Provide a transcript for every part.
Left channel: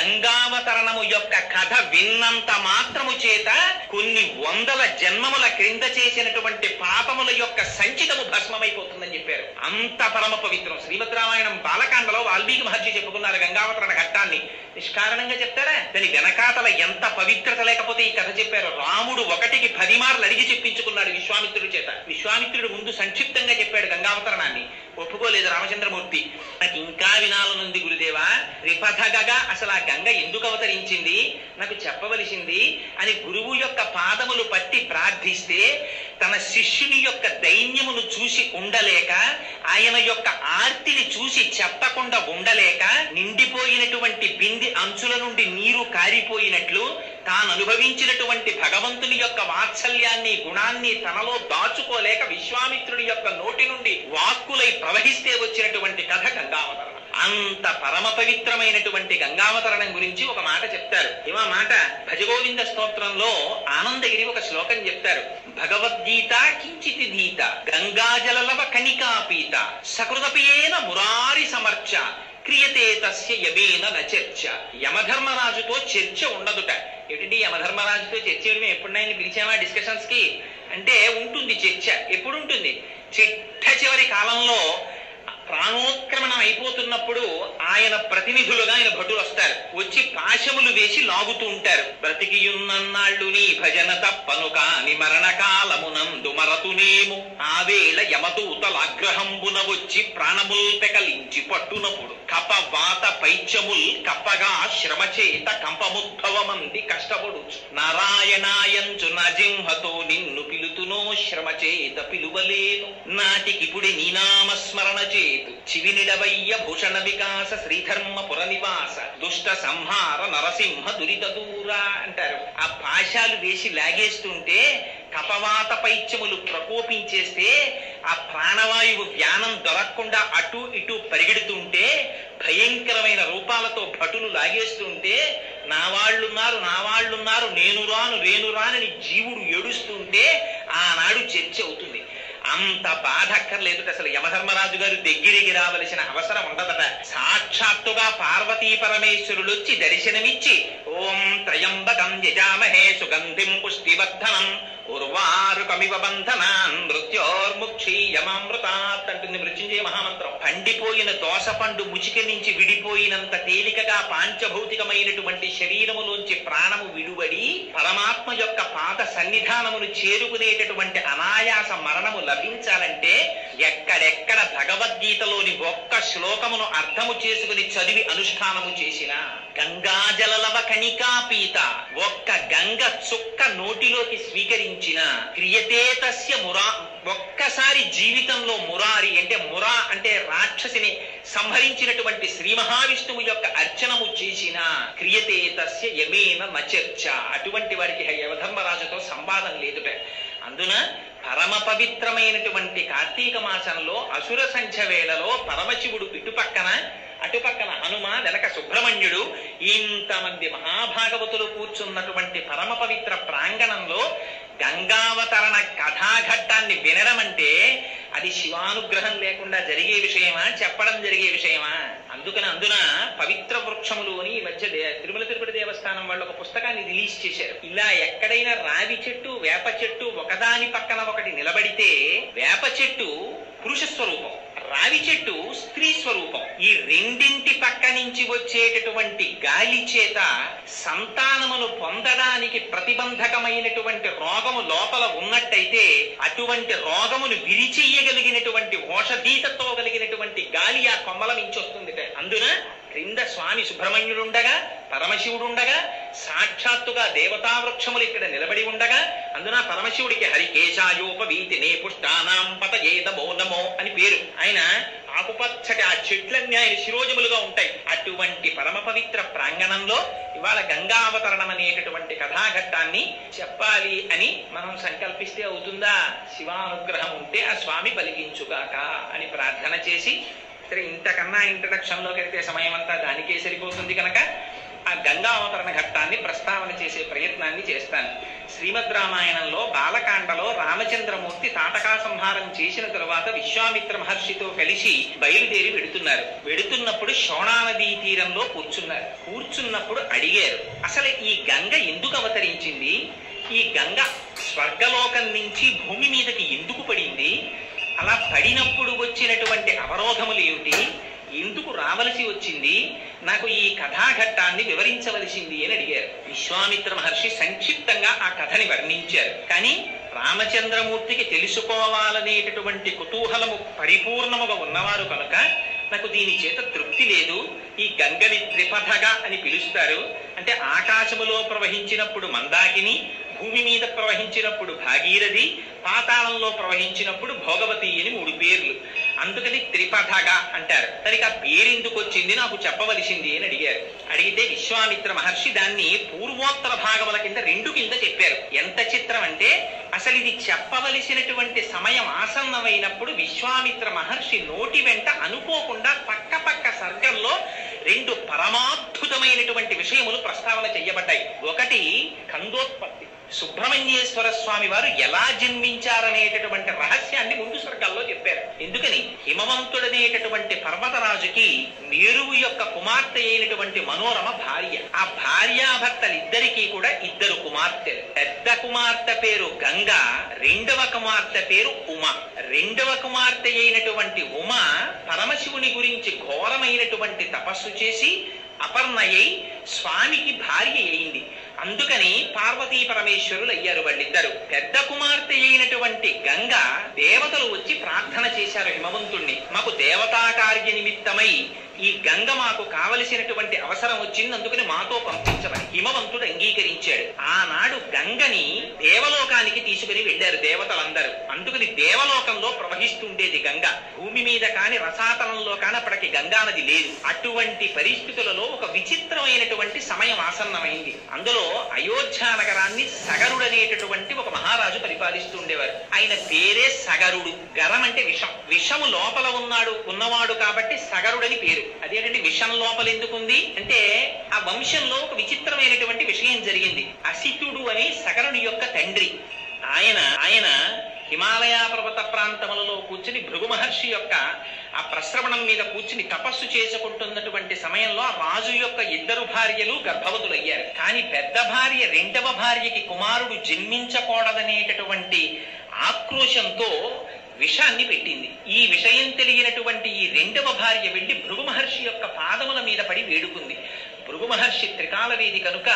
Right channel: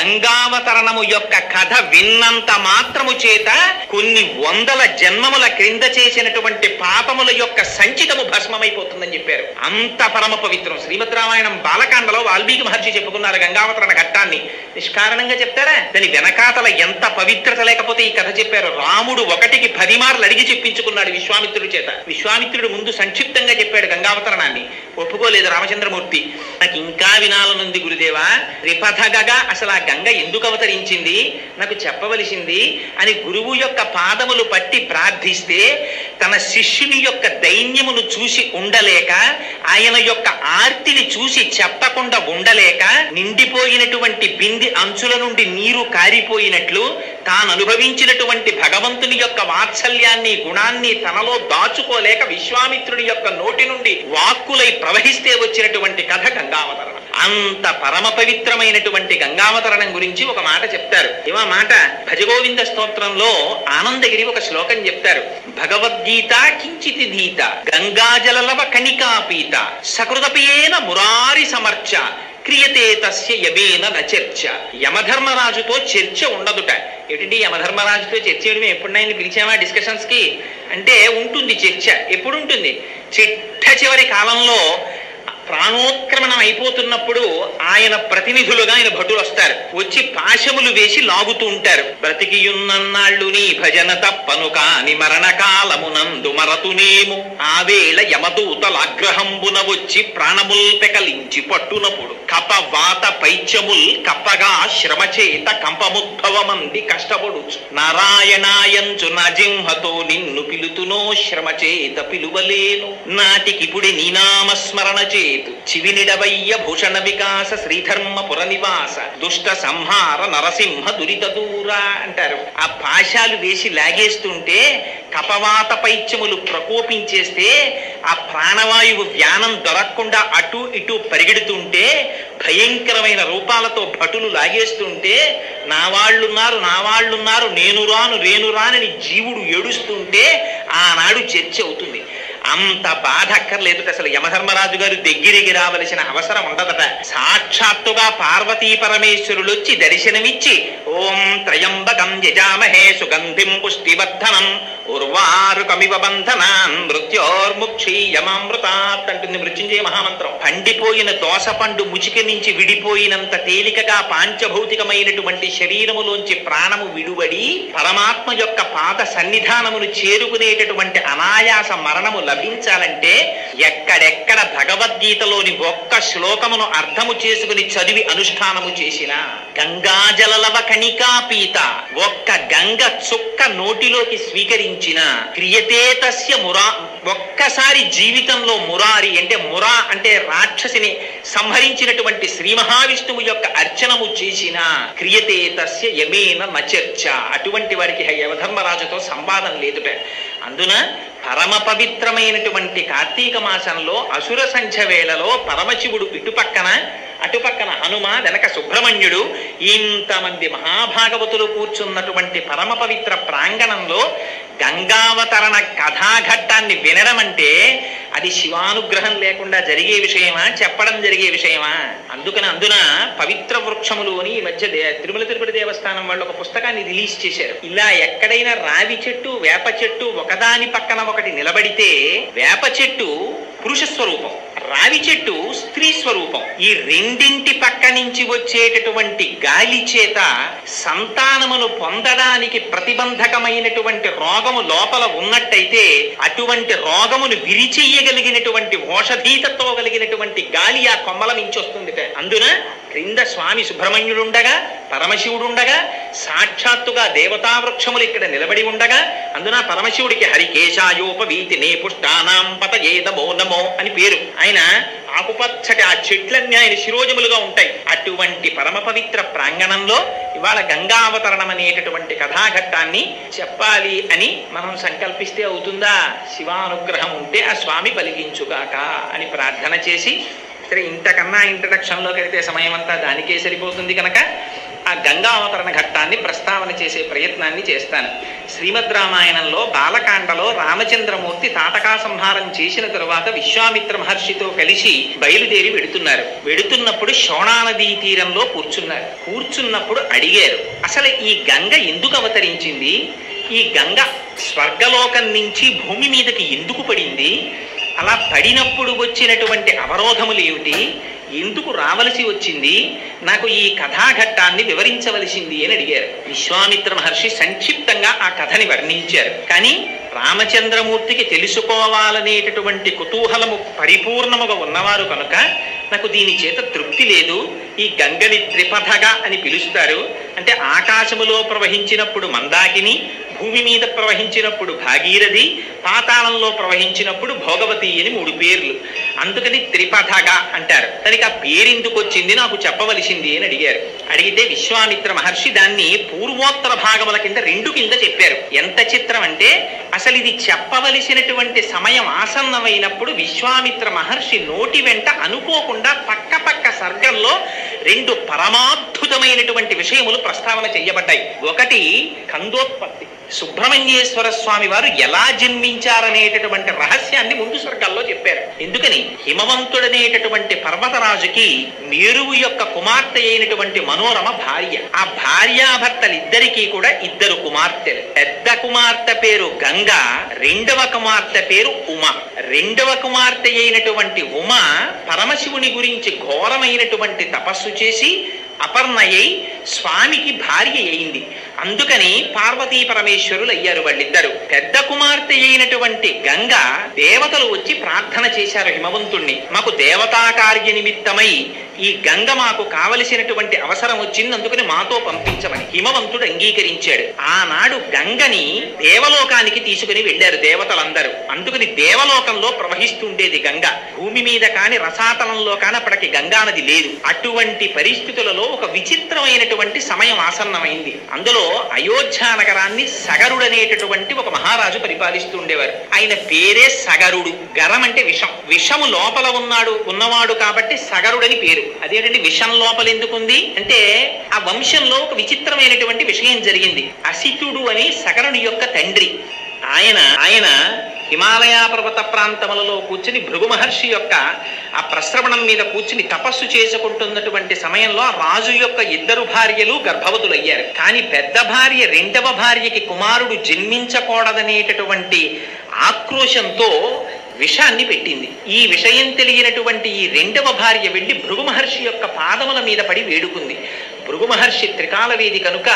గంగావతరణము యొక్క కథ విన్నంత మాత్రము చేత కొన్ని వందల జన్మముల క్రింద చేసినటువంటి పాపముల యొక్క సంచితము భస్మమైపోతుందని చెప్పారు. అంత పరమ పవిత్రం. శ్రీమద్ రామాయణం బాలకాండలో వాల్మీకి మహర్షి చెప్పుకున్నారు గంగావతరణ ఘట్టాన్ని. నిష్కారణంగా చెప్తారా? దాని వెనకాతల ఎంత పవిత్రత లేకపోతే ఈ కథ చెప్పారు. రాముడు 1కి 10 మార్లు అడిగి చెప్పించుకున్నాడు విశ్వామిత్రుడి చేత. విశ్వామిత్రుడు ముందు సంక్షిప్తంగా చెప్పాడు గంగావతరణాన్ని, ఒప్పుకోలేదు రామచంద్రమూర్తి. నాకు ఇంకా వినాలనుంది గురుదేవా, రిపథగగా అసలు ఆ గంగ ఎందుకు అవతరించింది నాకు చెప్పవలసింది అని గురువు యొక్క పాదములు పట్టి ప్రార్థిస్తే, తన శిష్యుని యొక్క దైన్యమును చూసి ఉండలేక, ఆయన యొక్క ఆర్తిని చూసి చెప్పకుండా ఉండలేక, నిండిపోయినటువంటి బింది అంచుల నుండి నీరు కారిపోయినట్లు తాను అనుభవించినటువంటి భగవంతుని యొక్క వాత్సల్యాన్ని గుణాన్ని తనలో దాచుకోలేక విశ్వామిత్రుడి యొక్క నోటి నుండి వాక్కులై ప్రవహిస్తే వచ్చినటువంటి కథ గంగావతరణం. అంత పరమ పవిత్రమైనటువంటి గంగావతరణం గురించి ఒక మాట చెప్తారు. ఏమా మాట? భజగోవింద స్తోత్రంలో ఆనందగిరి ఒక శ్లోకం చెప్తారు. భగవద్గీత కించితి ధీత గంగాజలలవ కణికాపీత సకృతపేన మురారి సమర్చ క్రియతే తస్య యమేన నచర్చ. యమధర్మరాజుతో చర్చ ఉండదుట. ఏమిటి యమధర్మరాజుతో చర్చ చేయడం? ఎప్పుడైనా పిలిచామా డిస్కషన్స్ కి అంటే? ఉంటుంది చర్చ. ఎప్పుడు ఉంటుంది? చిట్ట చివరి కాలంలో ప్రాణోత్క్రమణం అయిపోతున్నప్పుడు ఆయన ప్రతినిధులుగా ఆయన భటులు వస్తారు. వచ్చి పాశములు వేసి లాగుతూ ఉంటారు. బ్రతికియున్నన్నాళ్ళు నీ భజన తప్పను కాని మరణకాలమునందు మరతునేము ఆవేళ యమదూతలాగ్రహంబున వచ్చి ప్రాణముల్ పెకలించి పట్టునప్పుడు కపవాత పైత్యముల్ కప్పగా శ్రమచేత కంపముద్భవమంది కష్టపడుచు నారాయణాయంచు నా జింహతో నిన్ను పిలుతునో శ్రమచేత పిలువలేను నాటికిపుడి నీనామస్మరణ చేతు చివినిడవయ్య భూషణ వికాస శ్రీధర్మపుర నివాస దుష్ట సంహార నరసింహ దురిత దూర అంటారు. ఆ పాశాలు వేసి లాగేస్తుంటే కపవాత పైత్యములు ప్రకోపించేస్తే ఆ ప్రాణవాయువు వ్యానం దొరకకుండా అటు ఇటు పరిగెడుతుంటే భయంకరమైన రూపాలతో భటులు లాగేస్తుంటే నా వాళ్ళున్నారు నేను రానని జీవుడు ఏడుస్తుంటే ఆనాడు చర్చ అవుతుంది. అంత బాధ అక్కర్లేదు. అసలు యమధర్మరాజు గారు దగ్గరికి రావలసిన అవసరం ఉండదట. సాక్షాత్తుగా పార్వతీ పరమేశ్వరులు వచ్చి దర్శనమిచ్చి ఓం త్రయంబకం యజామహే సుగంధిం పుష్టివర్ధనం ఉర్వారుకమివ బంధనాన్ మృత్యోర్ముక్షీయమామృతాత్ అంటుంది మృత్యుంజయ మహామంత్రం. పండిపోయిన దోస పండు ముచిక నుంచి విడిపోయినంత తేలికగా పాంచభౌతికమైనటువంటి శరీరములోంచి ప్రాణము విడువడి పరమాత్మ యొక్క పాద సన్నిధానమును చేరుకునేటటువంటి అనాయాస మరణము లభించాలంటే ఎక్కడెక్కడ భగవద్గీతలోని ఒక్క శ్లోకమును అర్థము చేసుకుని చదివి అనుష్ఠానము చేసిన గంగాజలలవ కణికాపీత ఒక్క గంగ చుక్క నోటిలోకి స్వీకరించిన క్రియతే తస్య మురా ఒక్కసారి జీవితంలో మురారి అంటే మురా అంటే రాక్షసిని సంహరించినటువంటి శ్రీ మహావిష్ణువు యొక్క అర్చనము చేసిన క్రియతే తస్య యమేన నచర్చ. అటువంటి వారికి యమధర్మరాజుతో సంవాదం లేదుట. అందున పరమ పవిత్రమైనటువంటి కార్తీక మాసంలో అసుర సంధ్య వేళలో పరమశివుడు ఇటుపక్కన అటుపక్కన హనుమ వెనక సుబ్రహ్మణ్యుడు ఇంతమంది మహాభాగవతులు కూర్చున్నటువంటి పరమ పవిత్ర ప్రాంగణంలో గంగావతరణ కథాఘట్టాన్ని వినడం అంటే అది శివానుగ్రహం లేకుండా జరిగే విషయమా? చెప్పడం జరిగే విషయమా? అందున పవిత్ర వృక్షములు అని ఈ మధ్య తిరుమల తిరుపతి దేవస్థానం వాళ్ళు ఒక పుస్తకాన్ని రిలీజ్ చేశారు. ఇలా ఎక్కడైనా రావి చెట్టు వేప చెట్టు ఒకదాని పక్కన ఒకటి నిలబడితే వేప చెట్టు పురుష స్వరూపం, రావి చెట్టు స్త్రీ స్వరూపం. ఈ రెండింటి పక్క నుంచి వచ్చేటటువంటి గాలి చేత సంతానమును పొందడానికి ప్రతిబంధకమైనటువంటి రోగము లోపల ఉన్నట్టయితే అటువంటి రోగమును విరిచెయ్యగలిగినటువంటి ఓషధీతతో కలిగినటువంటి గాలి ఆ కొమ్మల నుంచి వస్తుంది. అందున క్రింద స్వామి సుబ్రహ్మణ్యుడుండగా పరమశివుడుండగా సాక్షాత్తుగా దేవతా వృక్షములు ఇక్కడ నిలబడి ఉండగా అందున పరమశివుడికి హరికేశాయోపవీతి నే పుష్టానాం పతయేదమో నమో అని పేరు. ఆయన ఆకుపచ్చటి ఆ చెట్లన్నీ ఆయన శిరోజములుగా ఉంటాయి. అటువంటి పరమ పవిత్ర ప్రాంగణంలో ఇవాళ గంగావతరణం అనేటటువంటి కథాఘట్టాన్ని చెప్పాలి అని మనం సంకల్పిస్తే అవుతుందా? శివానుగ్రహం ఉంటే ఆ స్వామి పలికించుగాక అని ప్రార్థన చేసి, సరే ఇంతకన్నా ఇంట్రడక్షన్లోకి వెళ్తే సమయం అంతా దానికే సరిపోతుంది కనుక ఆ గంగా అవతరణ ఘట్టాన్ని ప్రస్తావన చేసే ప్రయత్నాన్ని చేస్తాను. శ్రీమద్ రామాయణంలో బాలకాండలో రామచంద్రమూర్తి తాటకా సంహారం చేసిన తరువాత విశ్వామిత్ర మహర్షితో కలిసి బయలుదేరి వెడుతున్నప్పుడు శోణా నదీ తీరంలో కూర్చున్నప్పుడు అడిగారు, అసలు ఈ గంగ ఎందుకు అవతరించింది? ఈ గంగ స్వర్గలోకం నుంచి భూమి మీదకి ఎందుకు పడింది? అలా పడినప్పుడు వచ్చినటువంటి అవరోధములు ఏమిటి? ఎందుకు రావలసి వచ్చింది? నాకు ఈ కథాఘట్టాన్ని వివరించవలసింది అని అడిగారు. విశ్వామిత్ర మహర్షి సంక్షిప్తంగా ఆ కథని వర్ణించారు. కానీ రామచంద్రమూర్తికి తెలుసుకోవాలనేటటువంటి కుతూహలము పరిపూర్ణముగా ఉన్నవారు కనుక నాకు దీని చేత తృప్తి లేదు. ఈ గంగని త్రిపథగా అని పిలుస్తారు. అంటే ఆకాశములో ప్రవహించినప్పుడు మందాకిని, భూమి మీద ప్రవహించినప్పుడు భాగీరథి, పాతాళంలో ప్రవహించినప్పుడు భోగవతి అని 3 పేర్లు. అందుకని త్రిపథగా అంటారు. దానికి ఆ పేరెందుకు వచ్చింది నాకు చెప్పవలసింది అని అడిగారు. అడిగితే విశ్వామిత్ర మహర్షి దాన్ని పూర్వోత్తర భాగముల కింద 2 కింద చెప్పారు. ఎంత చిత్రం అంటే అసలు ఇది చెప్పవలసినటువంటి సమయం ఆసన్నమైనప్పుడు విశ్వామిత్ర మహర్షి నోటి వెంట అనుకోకుండా పక్క సర్గంలో 2 పరమాద్భుతమైనటువంటి విషయములు ప్రస్తావన చేయబడ్డాయి. ఒకటి కందోత్పత్తి, సుబ్రహ్మణ్యేశ్వర స్వామి వారు ఎలా జన్మించారనేటటువంటి రహస్యాన్ని ముందు సర్గాల్లో చెప్పారు. ఎందుకని హిమవంతుడనేటటువంటి పర్వతరాజుకి మేరువు యొక్క కుమార్తె అయినటువంటి మనోరమ భార్య. ఆ భార్యాభర్తలిద్దరికీ కూడా 2 కుమార్తెలు. పెద్ద కుమార్తె పేరు గంగ, రెండవ కుమార్తె పేరు ఉమ. రెండవ కుమార్తె అయినటువంటి ఉమ పరమశివుని గురించి ఘోరమైనటువంటి తపస్సు చేసి అపర్ణయై స్వామికి భార్య అయింది. అందుకని పార్వతీ పరమేశ్వరులు అయ్యారు వాళ్ళిద్దరు. పెద్ద కుమార్తె అయినటువంటి గంగ దేవతలు వచ్చి ప్రార్థన చేశారు హిమవంతుణ్ణి, మాకు దేవతా కార్య నిమిత్తమై ఈ గంగ మాకు కావలసినటువంటి అవసరం వచ్చింది, అందుకని మాతో పంపించమని. హిమవంతుడు అంగీకరించాడు. ఆనాడు గంగని దేవలోకానికి తీసుకుని వెళ్ళారు దేవతలందరూ. అందుకని దేవలోకంలో ప్రవహిస్తుండేది గంగ. భూమి మీద కాని రసాతలంలో కాని అప్పటికి గంగా నది లేదు. అటువంటి పరిస్థితులలో ఒక విచిత్రమైనటువంటి సమయం ఆసన్నమైంది. అందులో అయోధ్య నగరాన్ని సగరుడనేటటువంటి ఒక మహారాజు పరిపాలిస్తూ ఉండేవారు. ఆయన పేరే సగరుడు. గరం అంటే విషం, విషము లోపల ఉన్నవాడు కాబట్టి సగరుడని పేరు. అదేంటంటే విషం లోపల ఎందుకుంది అంటే ఆ వంశంలో ఒక విచిత్రమైనటువంటి విషయం జరిగింది. అసితుడు అని సగరుని యొక్క తండ్రి. ఆయన హిమాలయ పర్వత ప్రాంతములలో కూర్చుని భృగు మహర్షి యొక్క ఆ ప్రశ్రవణం మీద కూర్చుని తపస్సు చేసుకుంటున్నటువంటి సమయంలో రాజు యొక్క 2 భార్యలు గర్భవతులయ్యారు. కానీ పెద్ద భార్య రెండవ భార్యకి కుమారుడు జన్మించకూడదనేటటువంటి ఆక్రోశంతో విషాన్ని పెట్టింది. ఈ విషయం తెలియనటువంటి ఈ రెండవ భార్య వెళ్ళి భృగు మహర్షి యొక్క పాదముల మీద పడి వేడుకుంది. భృగు మహర్షి త్రికాలవేది కనుక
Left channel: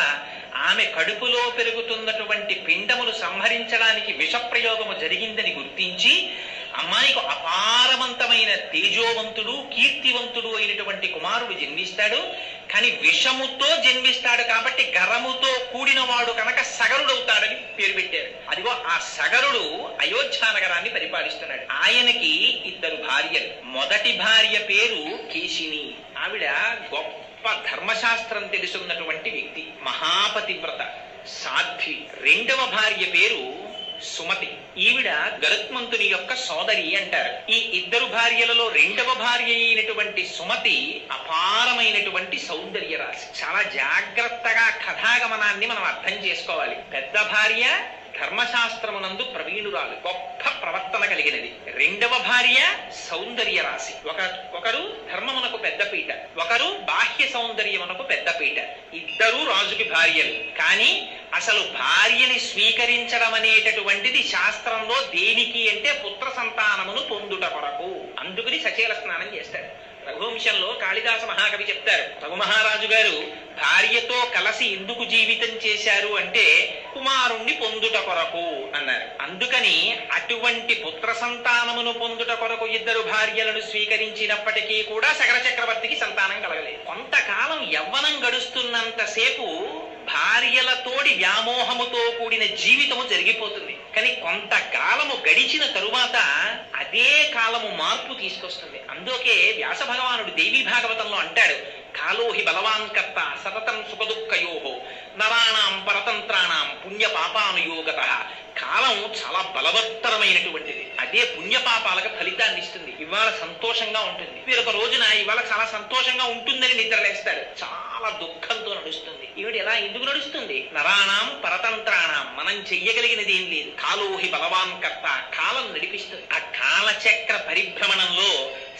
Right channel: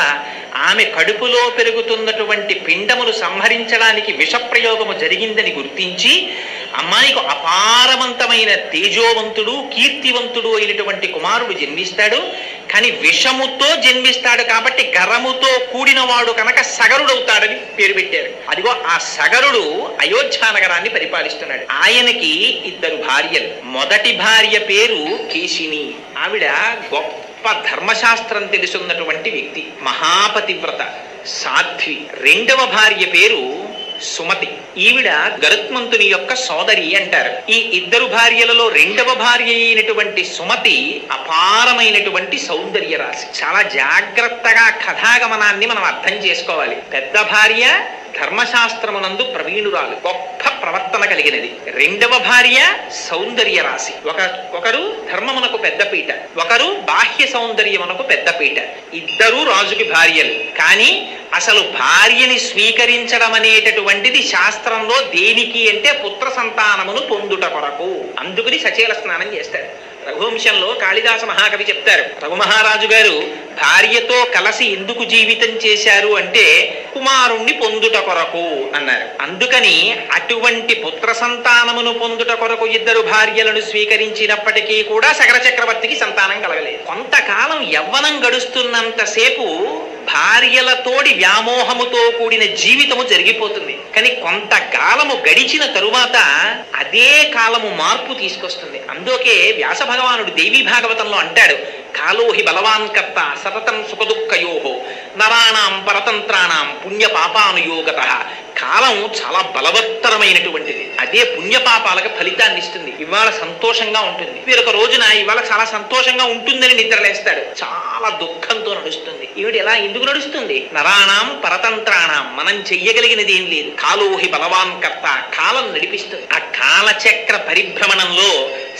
ఆమె కడుపులో పెరుగుతున్నటువంటి పిండములు సంహరించడానికి విషప్రయోగము జరిగిందని గుర్తించి అమ్మాయికి అపారవంతమైన తేజోవంతుడు కీర్తివంతుడు అయినటువంటి కుమారుడు జన్మిస్తాడు. కానీ విషముతో జన్మిస్తాడు కాబట్టి గరముతో కూడినవాడు కనుక సగరుడవుతాడని పేరు పెట్టారు. అదిగో ఆ సగరుడు అయోధ్య నగరాన్ని పరిపాలిస్తున్నాడు. ఆయనకి 2 భార్యలు. మొదటి భార్య పేరు కేశిని. ఆవిడ గొప్ప ధర్మశాస్త్రం తెలుసున్నటువంటి వ్యక్తి, మహాపతివ్రత, సాధ్వి. రెండవ భార్య పేరు సుమతి. ఈవిడ గరుత్మంతుని యొక్క సోదరి అంటారు. ఈ 2 భార్యలలో రెండవ భార్య అయినటువంటి సుమతి అపారమైనటువంటి సౌందర్య రాశి. చాలా జాగ్రత్తగా కథాగమనాన్ని మనం అర్థం చేసుకోవాలి. పెద్ద భార్య ధర్మశాస్త్రమునందు ప్రవీణురాలు, గొప్ప ప్రవర్తన కలిగినది. రెండవ భార్య సౌందర్య రాశి. ఒకరు ధర్మమునకు పెద్దపీట, ఒకరు బాహ్య సౌందర్యమునకు పెద్దపీట. 2 రాజుకి భార్యలు. కానీ అసలు భార్యని స్వీకరించడం అనేటటువంటిది శాస్త్రంలో దేనికి అంటే పుత్ర సంతానమును పొందుట కొరకు. అందుకని సచేల స్నానం చేస్తారు. రఘువంశంలో కాళిదాస మహాకవి చెప్తారు, రఘు మహారాజు గారు భార్యతో కలిసి ఎందుకు జీవితం చేశారు అంటే కుమారుణ్ణి పొందుట కొరకు అన్నారు. అందుకని అటువంటి పుత్ర సంతానమును పొందుట కొరకు 2 భార్యలను స్వీకరించినప్పటికీ కూడా సగర చక్రవర్తికి సంతానం కలగలేదు. కొంతకాలం యవ్వనం గడుస్తున్నంతసేపు భార్యలతోడి వ్యామోహముతో కూడిన జీవితము జరిగిపోతుంది. కానీ కొంతకాలము గడిచిన తరువాత అదే కాలము మార్పు తీసుకొస్తుంది. అందుకే వ్యాస భగవానుడు దేవీ భాగవతంలో అంటాడు, కాలోహి బలవాన్ కర్త సతతం సుఖదుఃఖయోహో నరాణాం పరతంత్రాణం పుణ్య పాపానుయోగత. కాలం చాలా బలవత్తరమైనటువంటిది. అదే పుణ్యపాపాలకు ఫలితాన్ని ఇస్తుంది. ఇవాళ సంతోషంగా ఉంటుంది, వేరొక రోజున ఇవాళ చాలా సంతోషంగా ఉంటుందని నిద్రలేస్తాడు, చాలా దుఃఖంతో నడుస్తుంది. ఈవిడ ఎలా ఎందుకు నడుస్తుంది? నరాణం పరతంత్రాణం, మనం చెయ్యగలిగినది ఏం లేదు. కాలోహి బలవాన్ కర్త, కాలం నడిపిస్తుంది. ఆ కాలచక్ర పరిభ్రమణంలో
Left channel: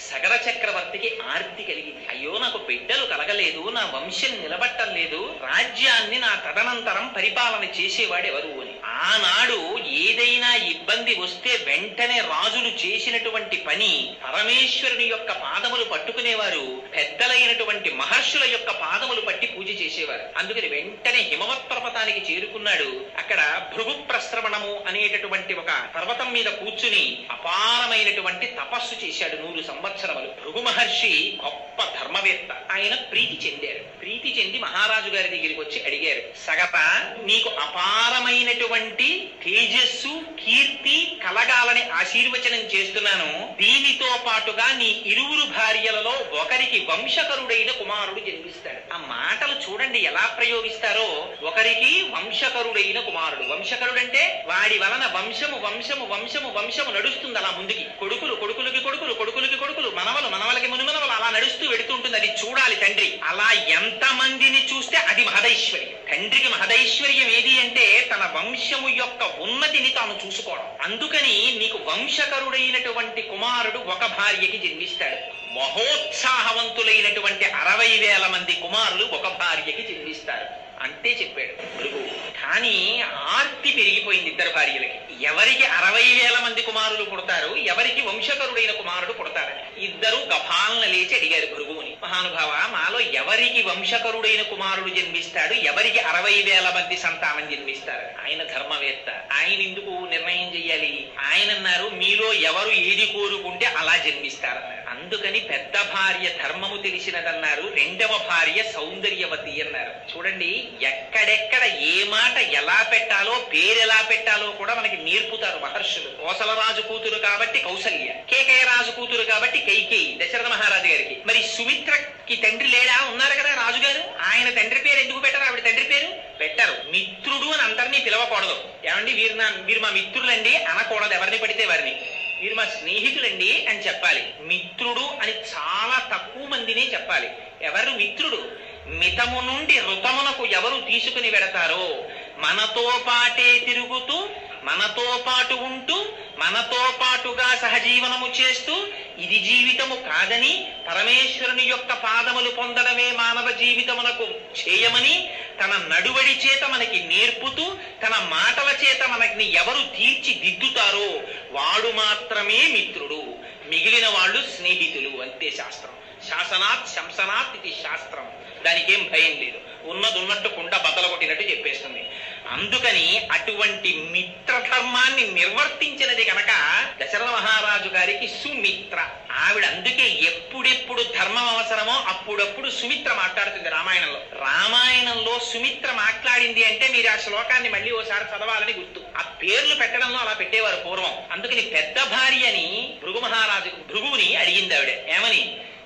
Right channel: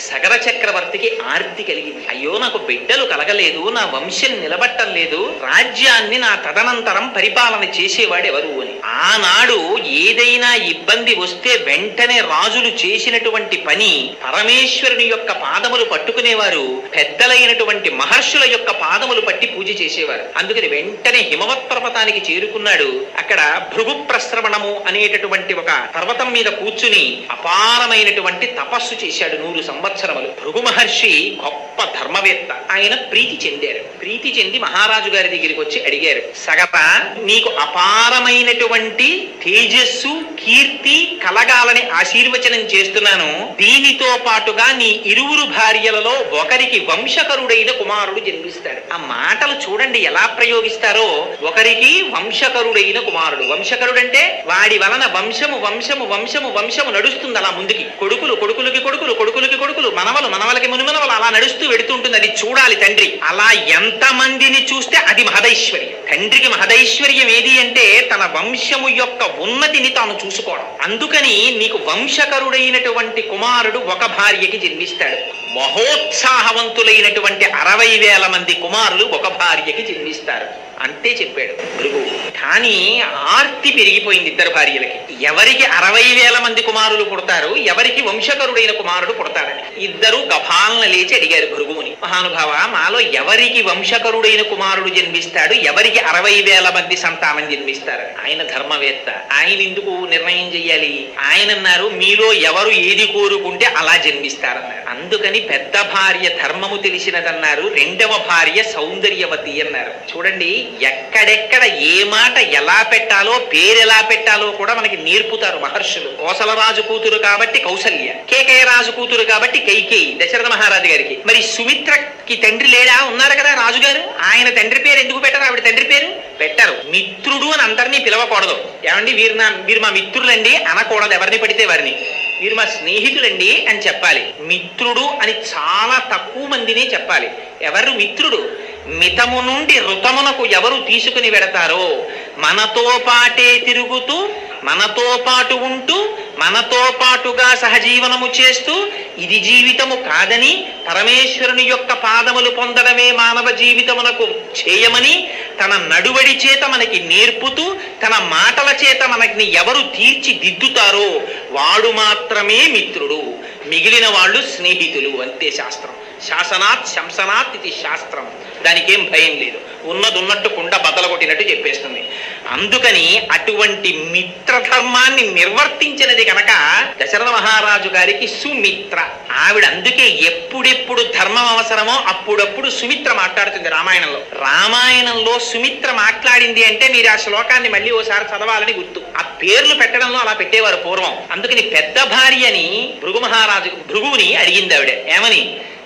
సగర చక్రవర్తికి ఆర్తి కలిగింది. అయ్యో నాకు బిడ్డలు కలగలేదు, నా వంశం నిలబట్టం లేదు, రాజ్యాన్ని నా తదనంతరం పరిపాలన చేసేవాడు ఎవరు అని. ఆనాడు ఏదైనా ఇబ్బంది వస్తే వెంటనే రాజులు చేసినటువంటి పని పరమేశ్వరుని యొక్క పాదములు పట్టుకునేవారు, పెద్దలైనటువంటి మహర్షుల యొక్క పాదములు పట్టి పూజ చేసేవారు. అందుకని వెంటనే హిమవత్ పర్వతానికి చేరుకున్నాడు. అక్కడ భృగు ప్రశ్రవణము అనేటటువంటి ఒక పర్వతం మీద కూర్చుని అపారమైనటువంటి తపస్సు చేశాడు 100 సంవత్సరములు. భృగు మహర్షి గొప్ప ధర్మవేత్త. ఆయన ప్రీతి చెందారు. ప్రీతి చెంది మహారాజు గారి దగ్గరికి వచ్చి అడిగారు, సగత నీకు అపారమైనటువంటి తేజస్సు కీర్తి కలగాలని ఆశీర్వచనం చేస్తున్నాను. దీనితో పాటుగా నీ ఇరువురు భార్యలలో ఒకరికి వంశకరుడైన కుమారుడు జన్మిస్తాడు. ఆ మాటలు చూడండి ఎలా ప్రయోగిస్తారో. ఒకరికి వంశకరుడైన కుమారుడు. వంశకరుడంటే వాడి వలన వంశము వంశము వంశము వంశము నడుస్తుంది అలా ముందుకి. కొడుకులు కొడుకులకి కొడుకులు కొడుకులకి కొడుకులు, మనవలు మనవలకి మునిమనవలు, అలా నడుస్తూ వెడుతుంటుంది. అది చూడాలి తండ్రి. అలా ఎంత మందిని చూస్తే అది మహదైశ్వర్యం. తండ్రికి మహదైశ్వర్యం ఏది అంటే తన వంశము యొక్క ఉన్నతిని తాను చూసుకోవడం. అందుకని నీకు వంశకరుడైనటువంటి కుమారుడు ఒక భార్యకి జన్మిస్తాడు. మహోత్సాహవంతులైనటువంటి 60,000 మంది కుమారులు ఒక భార్యకి జన్మిస్తారు. అంతే చెప్పాడు భృగువు. కానీ ఆర్తి పెరిగిపోయింది ఇద్దరు భార్యలకి. ఎవరికి 60,000 మంది కుమారులు పుడతారు, ఎవరికి వంశకరుడైన కుమారుడు పుడతాడని ఇద్దరు గభాలన లేచి అడిగారు భృగువుని, మహానుభావ మాలో ఎవరికి వంశకరుడైన కుమారుడు జన్మిస్తాడు, ఎవరికి 60,000 మంది సంతానం జన్మిస్తారు? ఆయన ధర్మవేత్త, ఆయన ఎందుకు నిర్ణయం చెయ్యాలి? ఆయన అన్నారు, మీలో ఎవరు ఏది కోరుకుంటే అలా జన్మిస్తారన్నారు. అందుకని పెద్ద భార్య ధర్మము తెలిసినదన్నారు, రెండవ భార్య సౌందర్యవతి అన్నారు. చూడండి, ఎక్కడెక్కడ ఏ మాట ఎలా పెట్టాలో, పేరు ఎలా పెట్టాలో కూడా మనకి నేర్పుతారు మహర్షులు. కోసలరాజు కూతురు కాబట్టి కౌసల్య, కేకయ్య రాజు కూతురు కాబట్టి కైకేయి దశరథ మహారాజు గారికి. మరి సుమిత్రకి తండ్రి లేడా? ఉన్నారు కదా రాజుగారు, ఆయన తండ్రి పేరు ఎందుకు పెట్టరు? ఆవిడ తండ్రి పేరు పెట్టరు. మిత్రుడు అని అందరినీ పిలవకూడదు. ఏమండి వీరు మా మిత్రులండి అనకూడదు, ఎవరిని పడితే వారిని. వీరు మా స్నేహితులండి అని చెప్పాలి. మిత్రుడు అని చాలా తక్కువ మందినే చెప్పాలి. ఎవరు మిత్రుడు? మితము నుండి ఋతమునకు ఎవరు తీసుకుని వెడతారో, మనతో పాటే తిరుగుతూ, మనతో పాటు ఉంటూ, మనతో పాటుగా సహజీవనము చేస్తూ, ఇది జీవితము కాదని పరమేశ్వరుని యొక్క పాదములు పొందడమే మానవ జీవితమునకు చేయమని తన నడువడి చేత మనకి నేర్పుతూ, తన మాటల చేత మనకి ఎవరు తీర్చిదిద్దుతారో వాడు మాత్రమే మిత్రుడు, మిగిలిన వాళ్ళు స్నేహితులు. అంతే శాస్త్రం. శాసనాత్ శంసనాత్ ఇది శాస్త్రం. దానికేం భయం లేదు, ఉన్నట్టు కుండ బద్దలు కొట్టినట్టు చెప్పేస్తుంది. అందుకని అటువంటి మిత్రధర్మాన్ని నిర్వర్తించినది కనుక దశరథ మహారాజు గారికి సుమిత్ర. ఆవిడ అందుకే ఎప్పుడెప్పుడు ధర్మం అవసరమో అప్పుడప్పుడు సుమిత్ర మాట్లాడుతుంది రామాయణంలో. రామాయణంలో సుమిత్ర మాట్లాడింది అంటే మీరు ఆ శ్లోకాన్ని మళ్ళీ ఓసారి చదవాలని గుర్తు. ఆ పేర్లు పెట్టడంలో అలా పెట్టేవారు పూర్వం. అందుకని పెద్ద భార్యని భృగువుని అడిగింది ఆవిడ. ఏమని?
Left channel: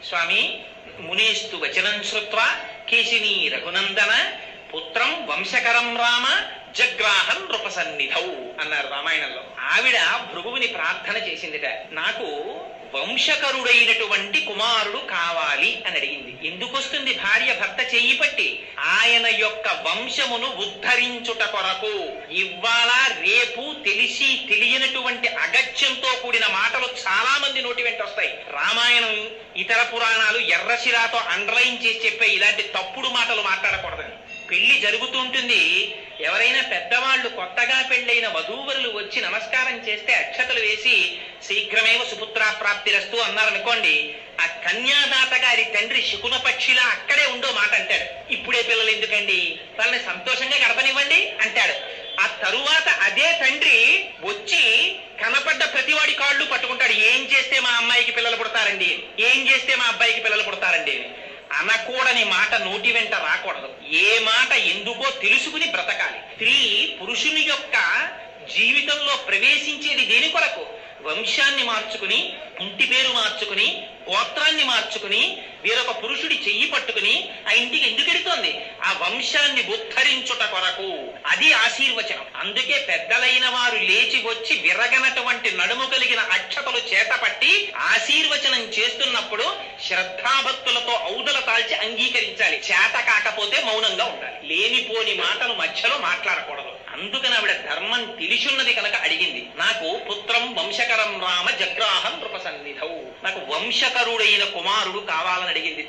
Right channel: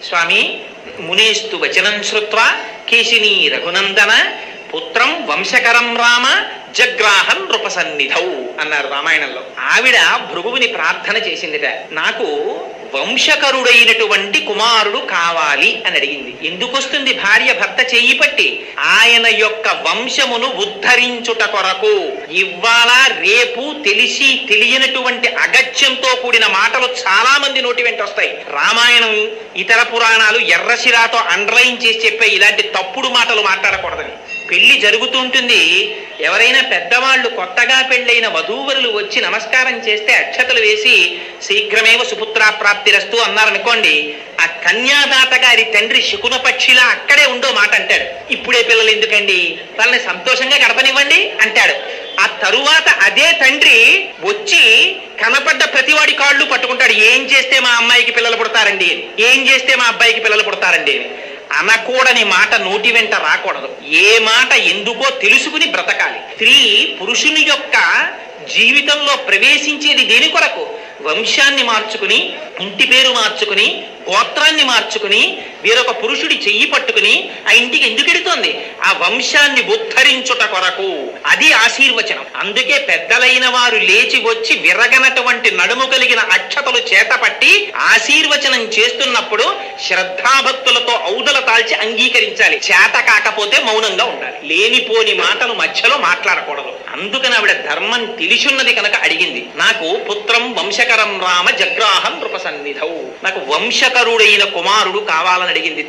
స్వామి, మునేస్తు వచనం శ్రుత్వా కేశినీ రఘునందన పుత్రం వంశకరం రామ జగ్రాహన్ నృపసన్నిధౌ అన్నారు రామాయణంలో. ఆవిడ భృగువుని ప్రార్థన చేసిందిట, నాకు వంశకరుడైనటువంటి కుమారుడు కావాలి అని అడిగింది. ఎందుకు వస్తుంది భార్య భర్త చెయ్యి పట్టి? ఆయన యొక్క వంశమును ఉద్ధరించుట కొరకు. ఇవాళ రేపు తెలిసి తెలియనటువంటి అగత్యంతో కూడిన మాటలు చాలా మంది నోటి వెంట వస్తాయి. రామాయణం ఇతర పురాణాలు ఎర్రశిరాతో అండర్లైన్ చేసి చెప్పే ఇలాంటి తప్పుడు మాటలు మాట్లాడకూడదని. పెళ్లి జరుగుతుంటుంది, ఎవరైనా పెద్దవాళ్ళు కొత్తగా పెళ్ళైన వధూవరులు వచ్చి నమస్కారం చేస్తే అక్షతలు వేసి శీఘ్రమేవ సుపుత్రాప్రాప్తిరస్తు అన్నారనుకోండి, ఆ కన్యాదాత గారి తండ్రి శకున పక్షిలా అక్కడే ఉండో మాట అంటాడు. ఇప్పుడే పిల్లలు ఎందుకండి, వాళ్ళని సంతోషంగా గడపనివ్వండి అంటాడు. ఆ తరువాత అదే తండ్రి వచ్చి కనపడ్డ ప్రతివాడి కాళ్ళు పట్టుకుంటాడు. ఏం చేస్తే మా అమ్మాయికి పిల్లలు పుడతారండి, ఏం చేస్తే మా అబ్బాయికి పిల్లలు పుడతారండి అనకూడని మాట నోటి వెంట రాకూడదు. ఏ మాట ఎందుకో తెలుసుకుని బ్రతకాలి. స్త్రీ పురుషుని యొక్క జీవితంలో ప్రవేశించేది దేని కొరకు? వంశాన్ని మార్చుకుని ఇంటి పేరు మార్చుకుని గోత్రాన్ని మార్చుకుని వేరొక పురుషుడి చెయ్యి పట్టుకుని ఆ ఇంటికి ఎందుకు ఎడుతోంది? ఆ వంశాన్ని ఉద్ధరించుట కొరకు. అది ఆశీర్వచనం. అందుకే పెద్దలైన వారు లేచి వచ్చి విరగనటువంటి నడుము కలిగిన అక్షతలు చేతపట్టి ఆశీర్వచనం చేస్తున్నప్పుడు శ్రద్ధాభక్తులతో ఔదల తాల్చి అంగీకరించాలి. చేత కాకపోతే మౌనంగా ఉండాలి. లేనిపోని మాటలు మధ్యలో మాట్లాడకూడదు. అందుకని ఆవిడ ధర్మం తెలిసున్నది కనుక అడిగింది. నాకు పుత్రం వంశకరం రామ జగ్రాహం నృపసన్నిధౌ, నాకు వంశకరుడైన కుమారుడు కావాలని అడిగింది.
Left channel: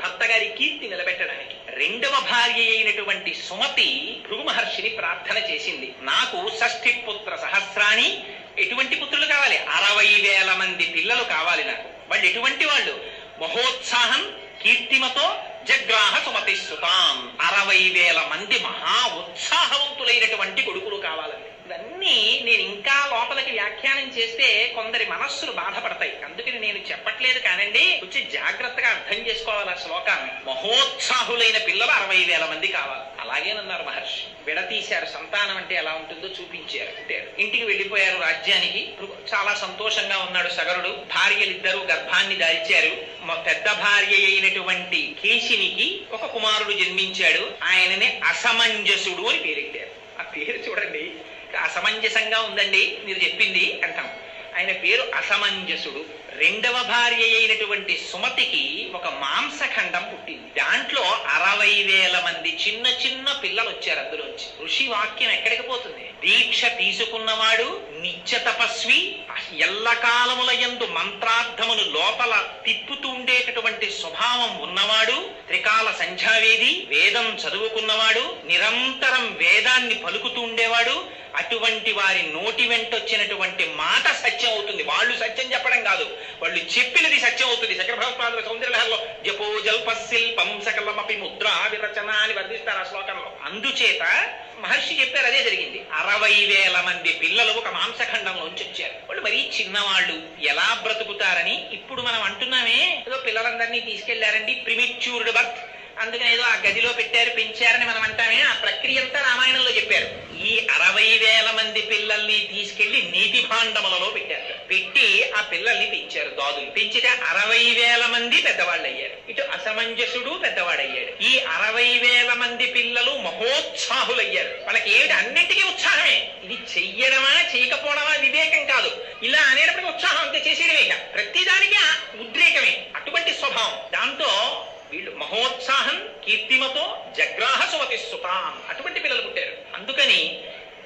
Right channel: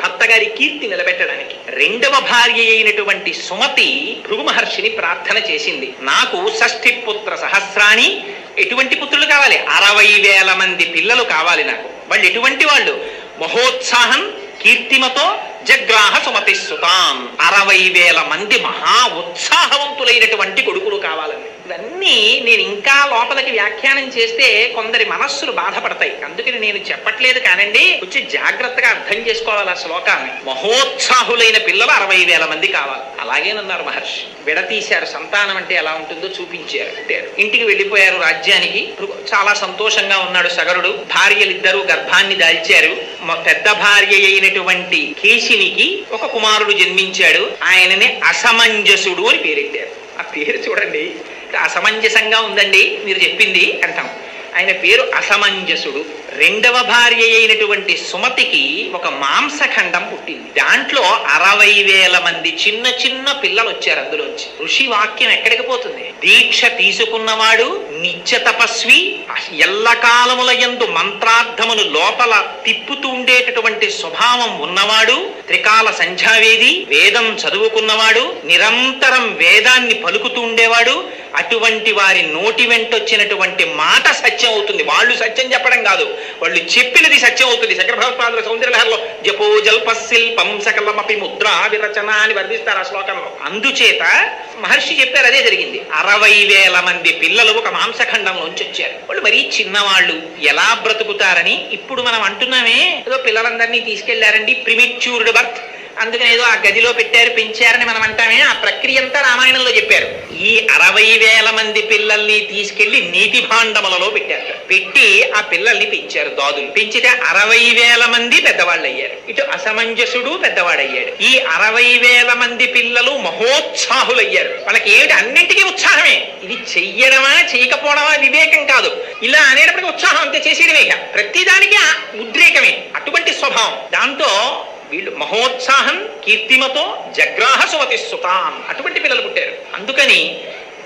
భర్త గారి కీర్తి నిలబెట్టడానికి. రెండవ భార్య అయినటువంటి సుమతి భృగు మహర్షిని ప్రార్థన చేసింది. నాకు షష్ఠి పుత్ర సహస్రాణి, ఎటువంటి పుత్రులు కావాలి? 60,000 మంది పిల్లలు కావాలి నాకు. వాళ్ళు ఎటువంటి వాళ్ళు? మహోత్సాహం కీర్తిమతో జగ్రాహ సుమతి సుతాం, 60,000 మంది మహా ఉత్సాహవంతులైనటువంటి కొడుకులు కావాలని. ఇవన్నీ నేను ఇంకా లోపలికి వ్యాఖ్యానం చేస్తే కొందరి మనస్సులు బాధపడతాయి. అందుకని నేను చెప్పట్లేదు కానండి, కొంచెం జాగ్రత్తగా అర్థం చేసుకోవాలి ఆ శ్లోకాన్ని. మహోత్సాహులైన పిల్లలు 60,000 మంది కావాలి. అలాగేనన్నారు మహర్షి. విడతీశారు. సంతానం అంటే ఎలా ఉంటుందో చూపించారు. ఇంటికి వెళ్ళిపోయారు రాజ్యానికి. చాలా సంతోషంగా ఉన్నాడు సగరుడు. భార్యలిద్దరూ గర్భాన్ని దాల్చారు. పెద్ద భార్య అయినటువంటి కేశినికి ఒక కుమారుడు జన్మించాడు. ఆయనని అసమంజసుడు అని పేరెట్టారు. ఆ పేరు చూడండి, అసమంజసంగా ఉందండి మీరు చెప్పింది అంటాం. ఆయన పేరు అసమంజసుడు. రెండవ భార్య అయినటువంటి సుమతికి ఒక మాంసఖండం పుట్టింది. దాంట్లో 60,000 మంది చిన్న చిన్న పిల్లలు వచ్చారు. అందులోంచి ఋషి వాక్యం ఎక్కడికి పోతుంది? దీక్ష తీసుకున్నవాడు, నిత్య తపస్వి, ఎల్లకాలముల యందు మంత్రార్థమును లోపల తిప్పుతూ ఉండేటటువంటి స్వభావం ఉన్నవాడు, త్రికాల సంధ్యావేది, వేదం చదువుకున్నవాడు, నిరంతరం వేదాన్ని పలుకుతూ ఉండేవాడు. అటువంటి వారి నోటి వెంటొచ్చినటువంటి మాట సత్యం అవుతుంది. వాళ్ళు సత్యం చెప్పడం కాదు, వాళ్ళు చెప్పినది సత్యం అవుతుంది. శంకర భగవత్పాదుల సౌందర్యలహరిలో జపో జల్ప శిల్పం సకలమపి ముద్రా విరచన అని వర్ణిస్తారు ఆ శ్లోకంలో. అందుచేత మహర్షి చెప్పారు, అదే జరిగింది. 60,000 మంది పిల్లలు ఒక మాంసఖండంలోంచి వచ్చారు. వాళ్ళు మరీ చిన్నవాళ్ళు, ఎలా బ్రతుకుతారని ఇప్పుడు మనం అంటున్నామే, ఏదో పిల్లలందరినీ తీసుకెళ్లారండి ప్రిమిచ్యూర్డ్ బర్త్, అందుకని ఏదో ఆ గదిలో పెట్టారు పెంచారని మనం అంటామే. ఆ ప్రక్రియ అంతా రామాయణంలో చెప్పారు. ఈ 60,000 మంది పిల్లల్ని తీసుకెళ్లి నీటి భాండములలో పెట్టారు. పెట్టి ఆ పిల్లల్ని పెంచారు. దాదులు పెంచితే 60,000 మంది పెద్దవాళ్ళు అయ్యారు. ఇటు అసమంజసుడు పెద్దవాడయ్యాడు. ఈ 60,000 మంది పిల్లలు మహోత్సాహులయ్యారు. వాళ్ళకి ఏమిటి? అన్నింటికీ ఉత్సాహమే. ఇది చెయ్యడమా చేయకపోవడమా వివేకం కాదు. ఇలా అనేటప్పటికీ ఉత్సాహం అంతే, చేసేయడమే. ప్రతిదానికి ఉద్రేకమే. అటువంటి స్వభావం. దాంతో వీళ్ళు మహోత్సాహం కీర్తిమతో జగ్రాహ సుమతి సుతాం, అటువంటి పిల్లలు పుట్టారు. అందుకని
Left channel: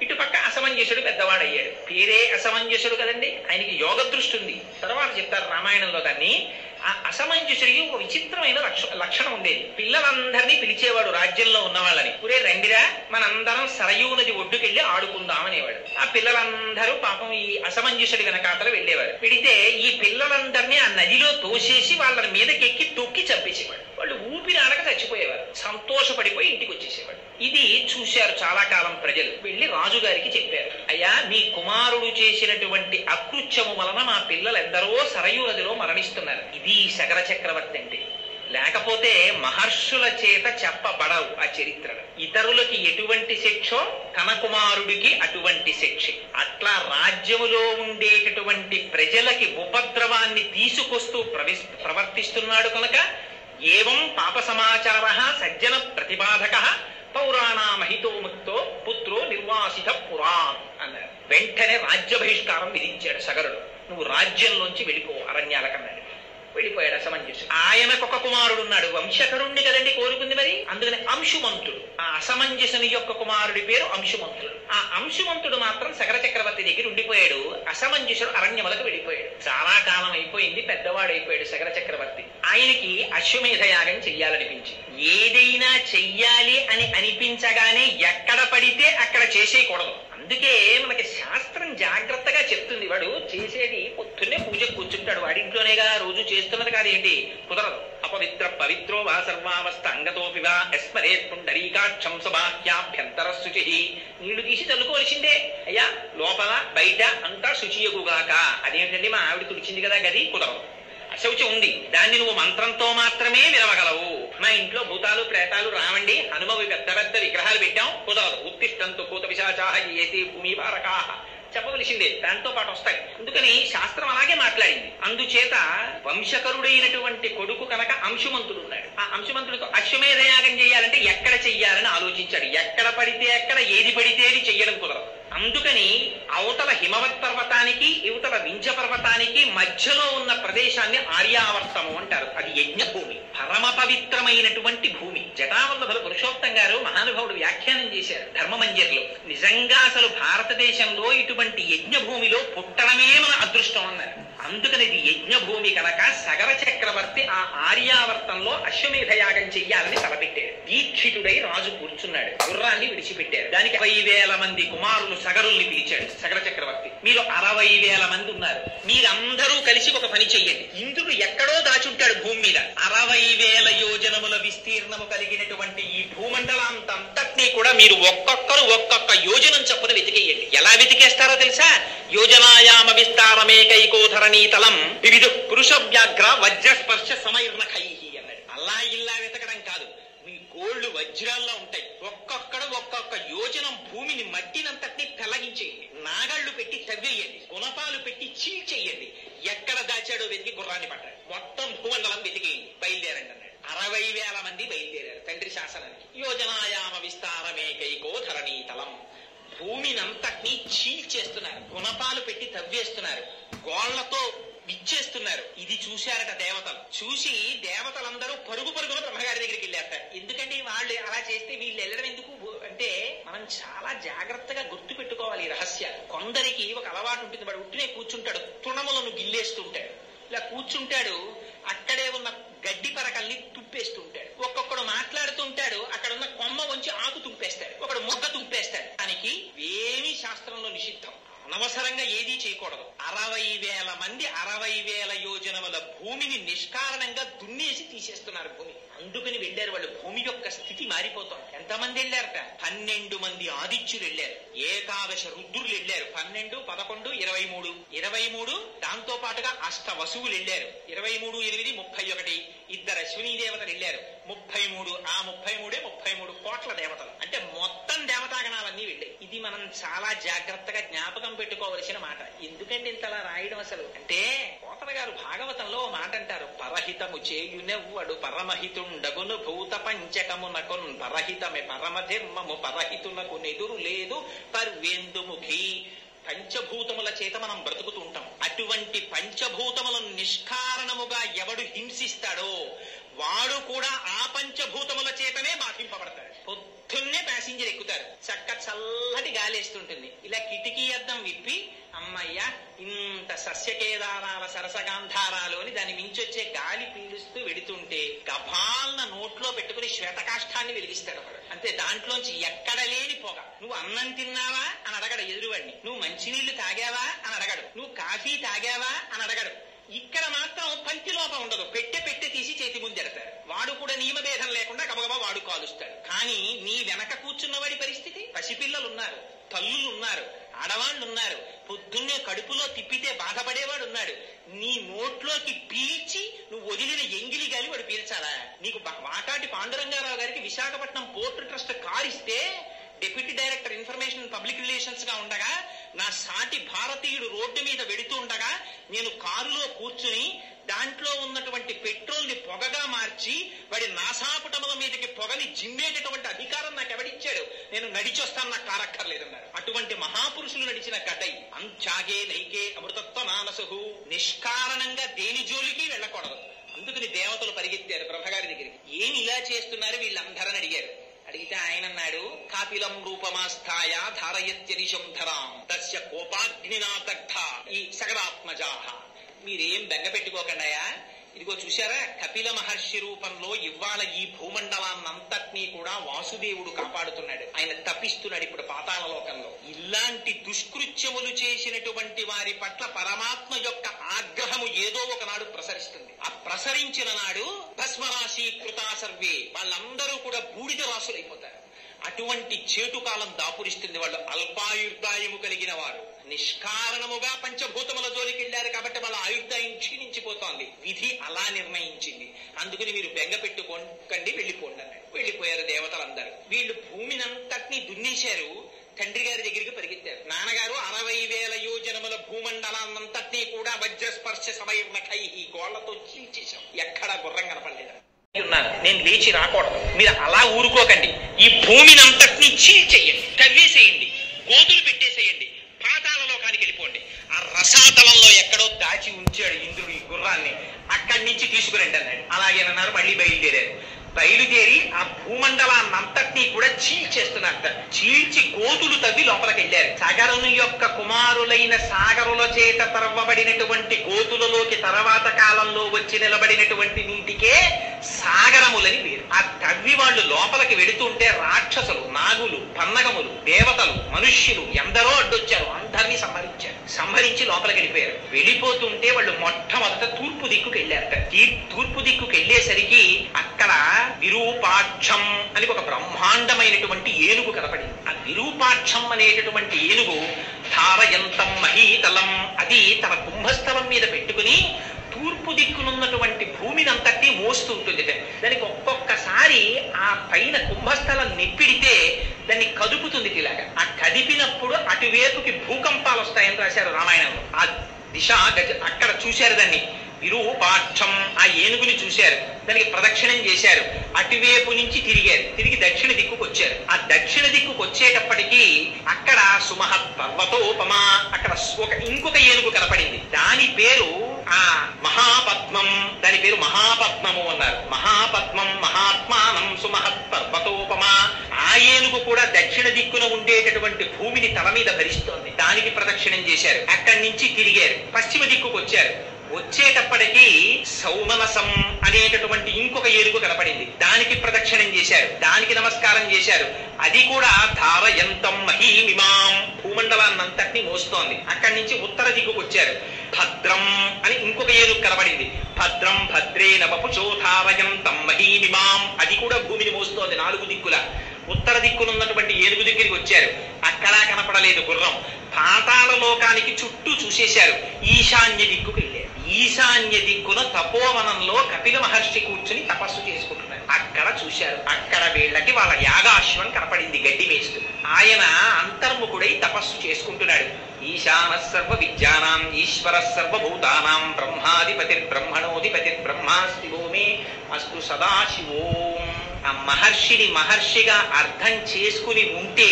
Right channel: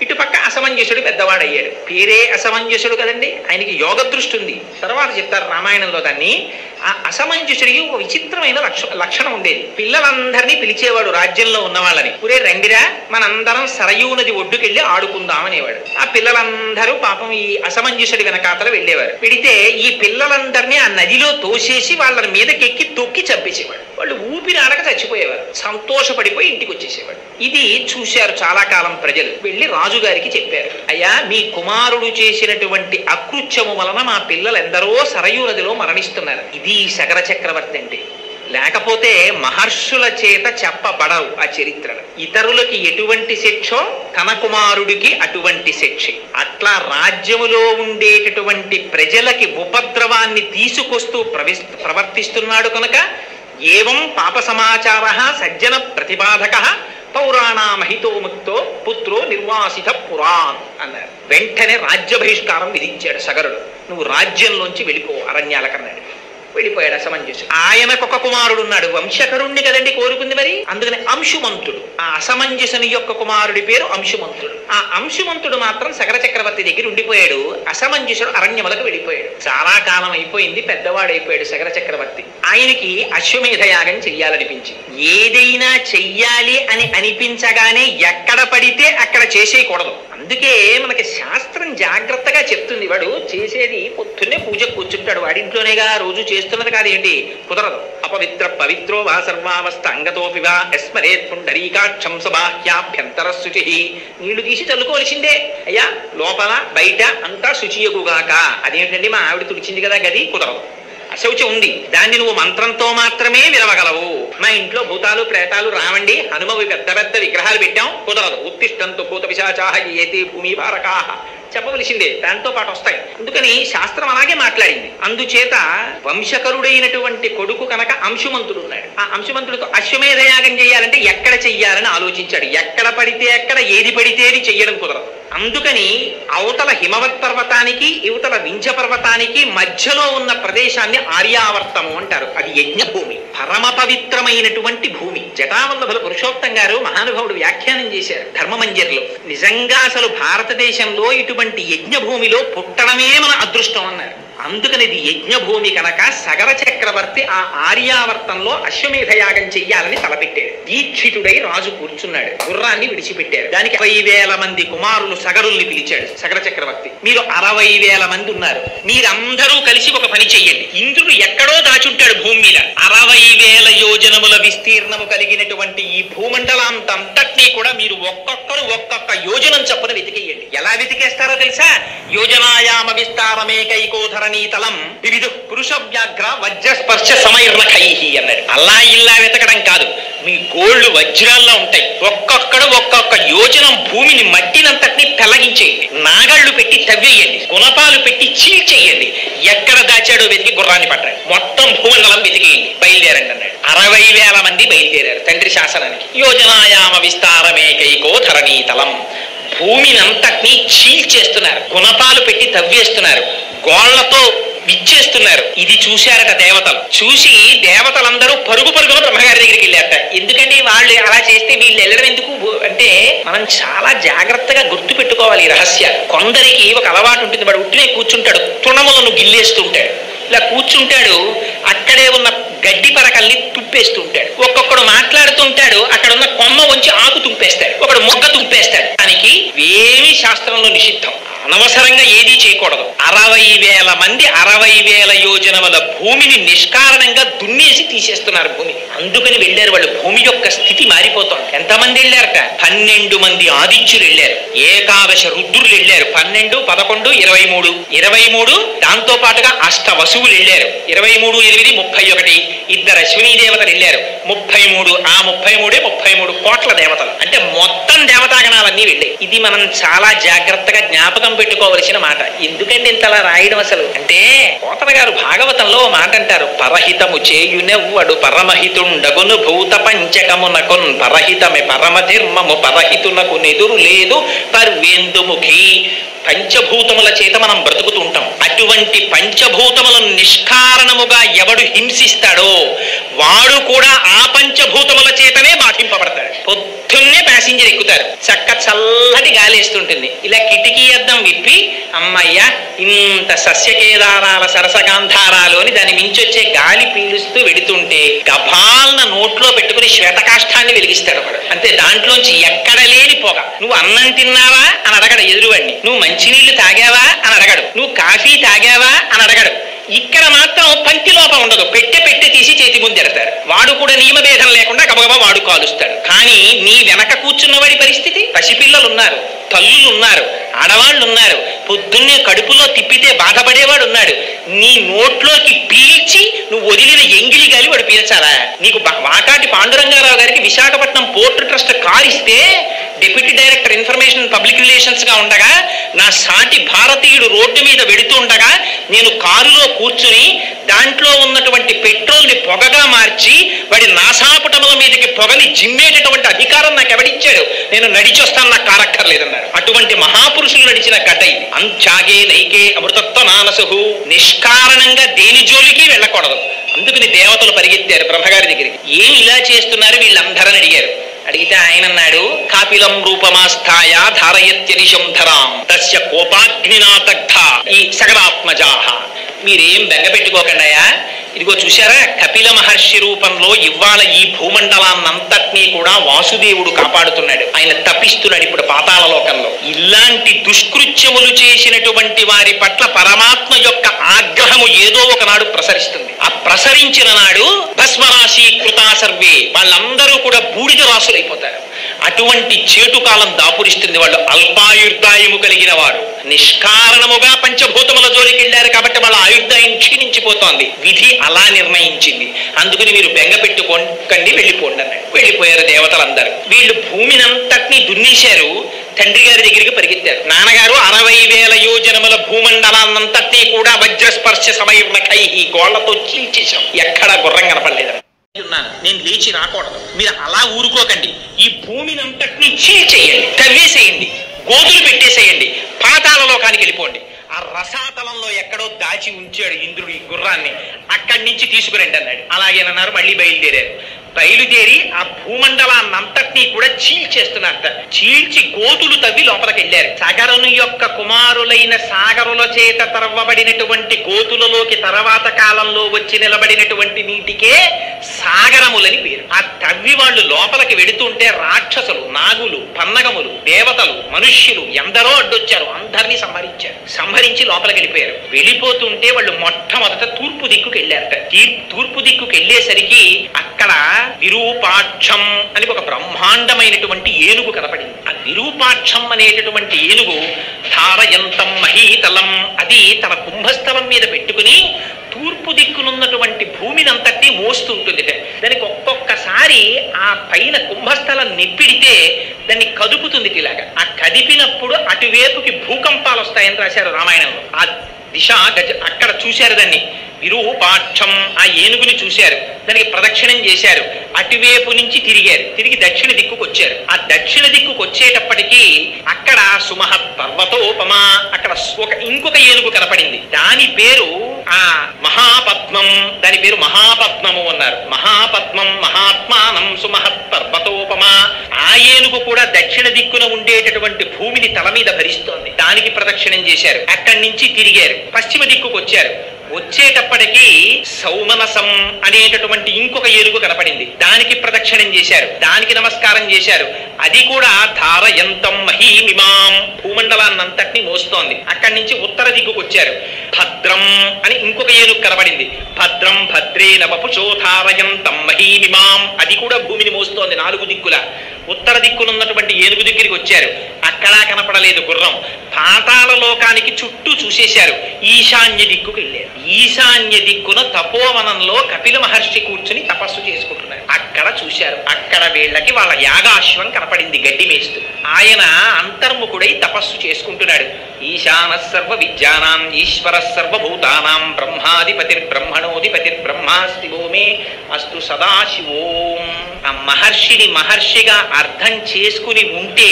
ఇటుపక్క అసమంజసుడు పెద్దవాడయ్యాడు. పేరే అసమంజసుడు కదండి, ఆయనకి యోగ దృష్టి ఉంది. తర్వాత చెప్తారు రామాయణంలో దాన్ని. ఆ అసమంజసుడికి ఒక విచిత్రమైన లక్షణం ఉండేది. పిల్లలందరినీ పిలిచేవాడు రాజ్యంలో ఉన్న వాళ్ళని. పురే రండిరా, మనందరం సరయూ నది ఒడ్డుకెళ్ళి ఆడుకుందాం అనేవాడు. ఆ పిల్లలందరూ పాపం ఈ అసమంజసుడి వెనకాతల వెళ్ళేవారు. పెడితే ఈ పిల్లలందరినీ ఆ నదిలో తోసేసి వాళ్ళ మీదకెక్కి తొక్కి చంపేసేవాడు. వాళ్ళు ఊపిరి ఆడక చచ్చిపోయేవారు. సంతోషపడిపోయి ఇంటికి వచ్చేసేవాడు. ఇది చూశారు చాలా కాలం ప్రజలు. వెళ్ళి రాజుగారికి చెప్పారు, అయ్యా మీ కుమారుడు చేసినటువంటి అకృత్యము వలన మా పిల్లలు ఎందరో సరయూ నదిలో మరణిస్తున్నారు. ఇది శగర చక్రవర్తి అంటే. లేకపోతే మహర్షుల చేత చెప్పబడవు ఆ చరిత్రలు. ఇతరులకి ఎటువంటి శిక్షో తన కుమారుడికి అటువంటి శిక్ష. అట్లా రాజ్యములో ఉండేటటువంటి ప్రజలకి ఉపద్రవాన్ని తీసుకొస్తూ ప్రవర్తిస్తున్నాడు కనుక ఏవం పాప సమాచార సజ్జన ప్రతిపాదక పౌరాణామహితో ముక్తో పుత్రో నిర్వాసిత పురాన్ అన్నారు. వెంటనే రాజ్య బహిష్కారం విధించాడు సగరుడు. నువ్వు రాజ్యంలోంచి వెళ్ళిపో అరణ్యాలకన్నాడు. వెళ్ళిపోయాడు అసమంజసుడు. ఆయనకొక కుమారుడు ఉన్నాడు. వంశకరుణ్ణి కదండి కోరుకుంది మరి. అందుకని అంశుమంతుడు. ఆ అసమంజసుని యొక్క కుమారుడి పేరు అంశుమంతుడు. ఆ అంశుమంతుడు మాత్రం సగర చక్రవర్తి దగ్గర ఉండిపోయాడు. అసమంజసుడు అరణ్యములకు వెళ్ళిపోయాడు. చాలా కాలం అయిపోయింది, పెద్దవాడైపోయాడు సగర చక్రవర్తి. ఆయనకి అశ్వమేధ యాగం చెయ్యాలనిపించింది. ఏదైనా చెయ్యాలి అని అనిపించగానే ఎక్కడ పడితే అక్కడ చేసేయకూడదు. అందుకే మనకి శాస్త్రం జాగ్రత్తగా చెప్తుంది. వాడు చేసేది పొద్దున్నే పూజ కూర్చుంటాడు, వాడింట్లోనేగా రోజు చేస్తున్నది కాదేంటి, కుదరదు. అపవిత్ర పవిత్రో వా సర్వావస్థ అంగతోపివా ఎస్మరేత్ పుండరీకాక్షం సబాహ్యాభ్యంతర శుచి. నీళ్లు తీసి చల్లుకోవలసిందే. అయ్యా లోపల బయట అంతా శుచియగుగాక. అదేంటండి మా ఆవిడ తుడిచింది కదా గది, కుదరదు. అశౌచం ఉంది, దాన్ని నువ్వు మంత్రంతో మాత్రమే విరవగలవు. మా ఇంట్లో భూతాలు ప్రేతాలు రావండి, హనుమవి పెద్ద పెద్ద విగ్రహాలు పెట్టాం, కుదరదు. ఉత్తిష్టంతు భూత పిశాచాః ఏతే భూమి భారకాః చెప్పవలసిందే, దాంతో పాటు వస్తాయి. అందుకని శాస్త్రం అలాగే మాట్లాడింది. అందుచేత వంశకరుడైనటువంటి కొడుకు కనుక అంశుమంతుడు ఉన్నాడు. ఆ అంశుమంతుడితో అశ్వమేధ యాగం చేయాలంటే ఎక్కడ చెయ్యాలని ఆలోచించాడు. ఎక్కడ పడితే ఎక్కడ, ఏది పడితే అది చెయ్యడం కుదరదు. అందుకని అవతల హిమవత్ పర్వతానికి ఇవతల వింధ్య పర్వతానికి మధ్యలో ఉన్న ప్రదేశాన్ని ఆర్యావర్తము అంటారు. అది యజ్ఞభూమి, పరమ పవిత్రమైనటువంటి భూమి. జటావల్లభుల పురుషోత్తం గారు మహానుభావుడు వ్యాఖ్యానం చేశారు ధర్మమంజరిలో. నిజంగా అసలు భారతదేశంలో ఇటువంటి యజ్ఞభూమిలో పుట్టడమే మన అదృష్టం అన్నారు. అందుకని ఇది యజ్ఞభూమి కనుక సగర చక్రవర్తి ఆ ఆర్యావర్తంలో అశ్వమేధ యాగం చెయ్యాలని తలపెట్టాడు. దీక్షితుడై రాజు కూర్చున్నాడు, గుర్రాన్ని విడిచిపెట్టారు. దానికి 60,000 మంది కుమారులు సగరుల్ని పిలిచాడు సగర చక్రవర్తి. మీరు 60,000 మంది ఉన్నారు, మీరందరూ కలిసి ఒక పని చెయ్యండి. ఇంద్రుడు ఎక్కడో దాచుంటాడు భూమి మీద. 60,000 యోజనముల విస్తీర్ణము కలిగినటువంటి ఈ భూమండలాంతంతటినీ కూడా మీరు ఒక్కొక్కరు ఒక్కొక్క యోజనం చప్పున వెతికేయండి. ఎలా వెతికేస్తారో తెలుసా? యోజనాయామ విస్తారమేకైకోధర నీతలం వివిధ పురుష వ్యాఘ్ర వజ్రస్పర్శ సమైర్నఖైహి అన్నాడు. అలా ఇల్లా వెతకడం కాదు, మీ గోళ్లు వజ్రాల్లో ఉంటాయి. ఒక్కొక్కడు ఒక్కొక్క యోజనం భూమిని మట్టినంతటినీ పెళ్లగించేయండి, నాగళ్లు పెట్టి తవ్వేయండి, గుణపాలు పెట్టి చీల్చేయండి. ఎక్కడ దాచాడో వెతికి గుర్రాన్ని పట్టండి, మొత్తం భూమండలం వెతికేయండి, బయలుదేరండి అన్నాడు. 60,000 మంది బయలుదేరారు తండ్రి శాసనానికి. యోజనాయామ విస్తారమేకైకో ధరణీతలం, భూమినంతటినీ చీల్చేస్తున్నారు, గుణపాలు పెట్టి తవ్వేస్తున్నారు, గోళ్లతో విచ్చేస్తున్నారు. ఇది చూశారట దేవతలు. చూసి దేవతలందరూ పరుగు పరుగున బ్రహ్మగారి దగ్గరికి వెళ్ళారట. ఎందుకంటే వాళ్ళు అలా చేస్తే వీళ్ళు వెళ్ళడం ఎందుకు అంటే, మనం చాలా జాగ్రత్తగా గుర్తు పెట్టుకోవాలి ఈ రహస్యాలు. కొందరికి ఒక అలవాటు ఉంటుంది, వాడు ఉట్టినే కూర్చుంటాడు, తృణములను గిల్లేస్తుంటాడు. ఇలా కూర్చుంటాడు, అక్కడే ఉన్న గడ్డి పరకల్ని తుప్పేస్తుంటాడు. ఒక్కొక్కడు మాట్లాడుతుంటాడు, అక్కడ ఉన్న కొమ్మ వంచి ఆకు తుంపేస్తాడు, ఒకడు మొగ్గ తుంపేస్తాడు. దానికి ఏమీ శాస్త్రంలో నిషిద్ధం, అనవసరంగా ఏదీ చేయకూడదు. 60,000 మంది 60,000 యోజనముల భూమిని నిష్కారణంగా దున్నేసి తీసేస్తున్నారు భూమిని. అందుకని వెళ్ళారు వాళ్ళు. భూమి యొక్క స్థితి మారిపోతుంది. ఎంతమంది వెళ్ళారట? 12 మంది ఆదిత్యులు వెళ్ళారు, ఏకాదశ రుద్రులు వెళ్ళారు. 12, 11, 23, 23 దాంతో పాటుగా అష్ట వసువులు వెళ్ళారు. 23, 8, 31 2 అశ్వినీ దేవతలు వెళ్ళారు. 33, ఆ 33 కోట్ల దేవతలు. అంటే మొత్తం దేవతాగణాలన్నీ వెళ్ళాయి. ఇది మనం చాలా జాగ్రత్తగా జ్ఞాపకం పెట్టుకోవలసిన మాట. ఎందుకంటే ఇంతలా రాయడం అసలు అంటే, పోతన గారు భాగవతంలో మాట అంటారు, పరహితము చేయునెవ్వడు పరమహితుండగును భూత పంచకమునకున్ పరహితమే పరమధర్మము పరహితునకు నెదురు లేదు పర్వేందుముఖి. పంచభూతముల చేత మనం బ్రతుకుతూ ఉంటాం. అటువంటి పంచభూతములను నిష్కారణముగా ఎవడు హింసిస్తాడో వాడు కూడా ఆ పంచభూతముల చేతనే బాధింపబడతాడు. పొద్దున్నే ప్యాసింజర్ ఎక్కుతారు, చక్క చల్లటి గాలి వేస్తుంటుంది, ఇలా కిటికీ అద్దం విప్పి అమ్మయ్య ఇంత సస్యకేదారాల సరసగాంధారాలు అని దాని మించొచ్చే గాలి పీలుస్తూ వెడుతుంటే గభాలన నోట్లో పెట్టుకుని శ్వేతకాష్ఠాన్ని వెలిగిస్తాడు ఒకడు. అంతే, దాంట్లోంచి ఎక్కడ లేని పొగ. నువ్వు అన్నం తిన్నావా అని అడగడు ఎదురువాడిని, నువ్వు మంచినీళ్లు తాగావా అని అడగడు, నువ్వు కాఫీ తాగావా అని అడగడు. ఇక్కడ మాత్రం పంక్తి లోపం ఉండదు, పెట్టె తీసి చేతి ముందు ఎడతారు. వాడు కూడా నియమభేదం లేకుండా గబగబా వాడు కాలుస్తాడు. కానీ నీ వెనక కూర్చున్నవాడి పరిస్థితి, పసిపిల్లలు ఉన్నారు, తల్లులు ఉన్నారు, ఆడవాళ్ళు ఉన్నారు, పొద్దున్నే కడుపులో తిప్పితే బాధపడేవాడు ఉన్నాడు. నీ నోట్లోకి పీల్చి నువ్వు వదిలిన ఎంగిలి గాలి వాడు పీల్చాలా? నీకు వాకాటి పాండురంగారావు గారికి విశాఖపట్నం పోర్ట్ ట్రస్ట్ కార్ ఇస్తే deputy director information public relations గా ఉండగా, నా సాటి భారతీయుడు రోడ్డు మీద వెడుతూ ఉండగా నేను కారులో కూర్చుని దాంట్లో ఉన్నటువంటి పెట్రోల్ ని పొగగా మార్చి వాడి నాసాపుటముల మీదకి పొగని జిమ్మేటటువంటి అధికారం నాకు ఎవడిచ్చాడు? నేను నడిచొస్తాను, నాకు కారక్కర్లేదన్నారు. అటువంటి మహాపురుషులు నడిచిన గడ్డ ఇది. అంచాగే నైకే అమృతత్వ నానసుహు. నిష్కారణంగా దేని జోలికి వెళ్ళకూడదు. అందుకని దేవతలు పరిగెత్తారు బ్రహ్మగారి దగ్గరికి. ఏం ఇలా చేస్తున్నారు వీళ్ళందరని అడిగారు. అడిగితే ఆయన అన్నాడు, కాపిలం రూపమాస్థాయ ధారయత్యనిశం ధరాం తస్య కోపాగ్నినాదగ్ధ ఈ సగరాత్మజాహ. మీరేం బెంగపెట్టుకోకండాయా, ఇదిగో చూశారా, కపిల మహర్షి రూపంలో ఇవాళ ఈ భూమండలాన్నంతటినీ కూడా వాసుదేవుడు కాపాడుతున్నాడు. ఆయన తపిస్తున్నాడు ఇప్పుడు పాతాళ లోకంలో. ఇలాంటి దుష్కృత్యములు చేసినటువంటి వారి పట్ల పరమాత్మ యొక్క ఆగ్రహము ఏదో ఒకనాడు ప్రసరిస్తుంది. ఆ ప్రసరించిన నాడు భస్మరాశి కృతా సర్వే, వాళ్ళందరూ కూడా బూడిద రాసులైపోతారు. అటువంటి చేటు కాలం దాపురిస్తుంది. వాళ్ళు అల్పాయుర్దాయము కలిగిన వారు నిష్కారణముగా పంచభూతముల జోలికి వెళ్ళారు కాబట్టి వాళ్ళ ఆయుర్దాయం క్షీణించిపోతోంది. విధి అలా నిర్ణయించింది. అందుకని మీరు బెంగ పెట్టుకోకండి, వెళ్ళిపోండి అన్నాడు. వెళ్ళిపోయారు దేవతలందరూ. వీళ్ళు భూమినంతటినీ దున్నేశారు. తండ్రి గారి దగ్గరికి పరిగెత్తారు. నాన్నగారు 60,000 యోజనముల భూమండలాన్నంతటినీ కూడా వజ్రస్పర్శ సమయుర్ణకై గోళ్లతో చీల్చేశాం. ఎక్కడా గుర్రం కనపడలేదు. నేను లేచి రాకూడదు, మీరు అలా ఊరుకోకండి, ఈ భూమినంతటినీ చీల్చేయండి, కవ్వేసేయండి, గోతులు పెట్టేసేయండి, పాతాళ లోకానికి వెళ్ళిపోండి. ఆ రసాతలంలో ఎక్కడో దాచి ఉంచాడు ఇంద్రుడు ఈ గుర్రాన్ని, అక్కడి నుంచి తీసుకురండి అన్నాడు. అలాగేనన్నారు. మళ్ళీ బయలుదేరారు. బయలుదేరి ఆ భూమండలాన్నంతటినీ కూడా చీల్చేస్తున్నట్ట. చీల్చి గోతులు తవ్వి లోపలికి వెళ్ళారు. సగరుని యొక్క కుమారులైన సాగరుల చేత తవ్వబడినటువంటి గోతులలోకి తర్వాత కాలంలో వచ్చి నిలబడినటువంటి నీటికే సాగరములని పేరు. ఆ తవ్వి వాళ్ళు లోపలికి వెడుతుంటే రాక్షసులు, నాగులు, పన్నగములు, దేవతలు, మనుష్యులు ఎందరో అడ్డొచ్చారు. అందరినీ సంహరించి లోపలికి వెళ్ళిపోయారు. వెళ్ళిపోతుంటే వాళ్ళు మొట్టమొదట తూర్పు దిక్కుకు వెళ్ళారట. తూర్పు దిక్కుకు వెళ్ళేసరికి అక్కడ విరూపాక్షం అని ఒక బ్రహ్మాండమైనటువంటి ఏనుగు కనపడింది. ఆ విరూపాక్షం అనేటటువంటి ఏనుగు ధారయంతం మహీతలం, అది తన కుంభస్థలం మీద పెట్టుకుని తూర్పు దిక్కునున్నటువంటి భూమినంతటి మోస్తుంటుంది. దానికి ఒక్కొక్కసారి ఆ పైన కుంభస్థలం నెప్పిడితే దాన్ని కదుపుతుంది. ఇలాగా ఆ కదిపినప్పుడు అటువైపుకి భూకంపాలు వస్తాయని రాశారు రామాయణంలో. ఆ దిశ అక్కడ చూశారు. దాన్ని విరూపాక్షం, ఆ ఏనుగుని చూశారు. దానికి ప్రదక్షిణం చేశారు. అటువైపు నుంచి తిరిగారు. తిరిగి దక్షిణ దిక్కుకు వచ్చారు. ఆ దక్షిణ దిక్కుకు వచ్చేటప్పటికీ అక్కడ సుమహత్ పర్వతోపమా, అక్కడ ఇంకొక ఏనుగు కనపడింది. దాని పేరు ఆ మహాపద్మం. దాని పేరు మహాపద్మము అన్నారు. మహాపద్మం మహాత్మానం సుమహత్ పర్వతోపమా. ఆ ఏనుగు కూడా దక్షిణ దిక్కున ఉండేటటువంటి భూమిని తల మీద భరిస్తోంది. దానికి ప్రదక్షిణం చేశారు. అక్కడి నుంచి తిరిగారు. పశ్చిమ దిక్కుకు వచ్చారు. వచ్చేటప్పటికి సౌమనసం అనేటటువంటి ఇంకొక ఏనుగు కనపడింది. దానికి ప్రదక్షిణం చేశారు. దానికి నమస్కారం చేశారు. అది కూడా ధారయంతం మహీమిమాం, భూమండలాన్నంతటినీ మోస్తోంది. అక్కడి నుంచి ఉత్తర దిక్కుకు వచ్చారు. భద్రం అని ఇంకొక ఏనుగు కనపడింది. భద్రం భద్రేన వపుషో ధారయంతం మహీమిమాం, అది కూడా భూమిని మోస్తోంది 4 దిక్కుల. ఉత్తర దిక్కునున్నటువంటి ఏనుగు దగ్గరికి వచ్చారు. అక్కడా కనపడలేదు గుర్రం. పాతాళ లోకానికి చుట్టూ చూసేశారు. ఈశాన్య దిక్కుకు వెళ్ళారు. ఈశాన్య దిక్కున తపోవనంలో కపిల మహర్షి కూర్చుని తపస్సు చేసుకుంటున్నారు. అక్కడ చూశారు. అక్కడ వీళ్ళకి వాళ్ళ యాగాశ్వం కనపడింది గడ్డి మేస్తూ. ఆయన అంతర్ముఖుడై తపస్సు చేసుకుంటున్నాడు. ఈశాన సర్వ విద్యానాం ఈశ్వర సర్వభూతానాం బ్రహ్మాధిపతిర్బ్రహ్మణోధిపతిర్ బ్రహ్మాస్తివో మే అస్తు సదాశివోం. ఆ మహర్షిని మహర్షిగా అర్థం చేసుకుని ఉంటే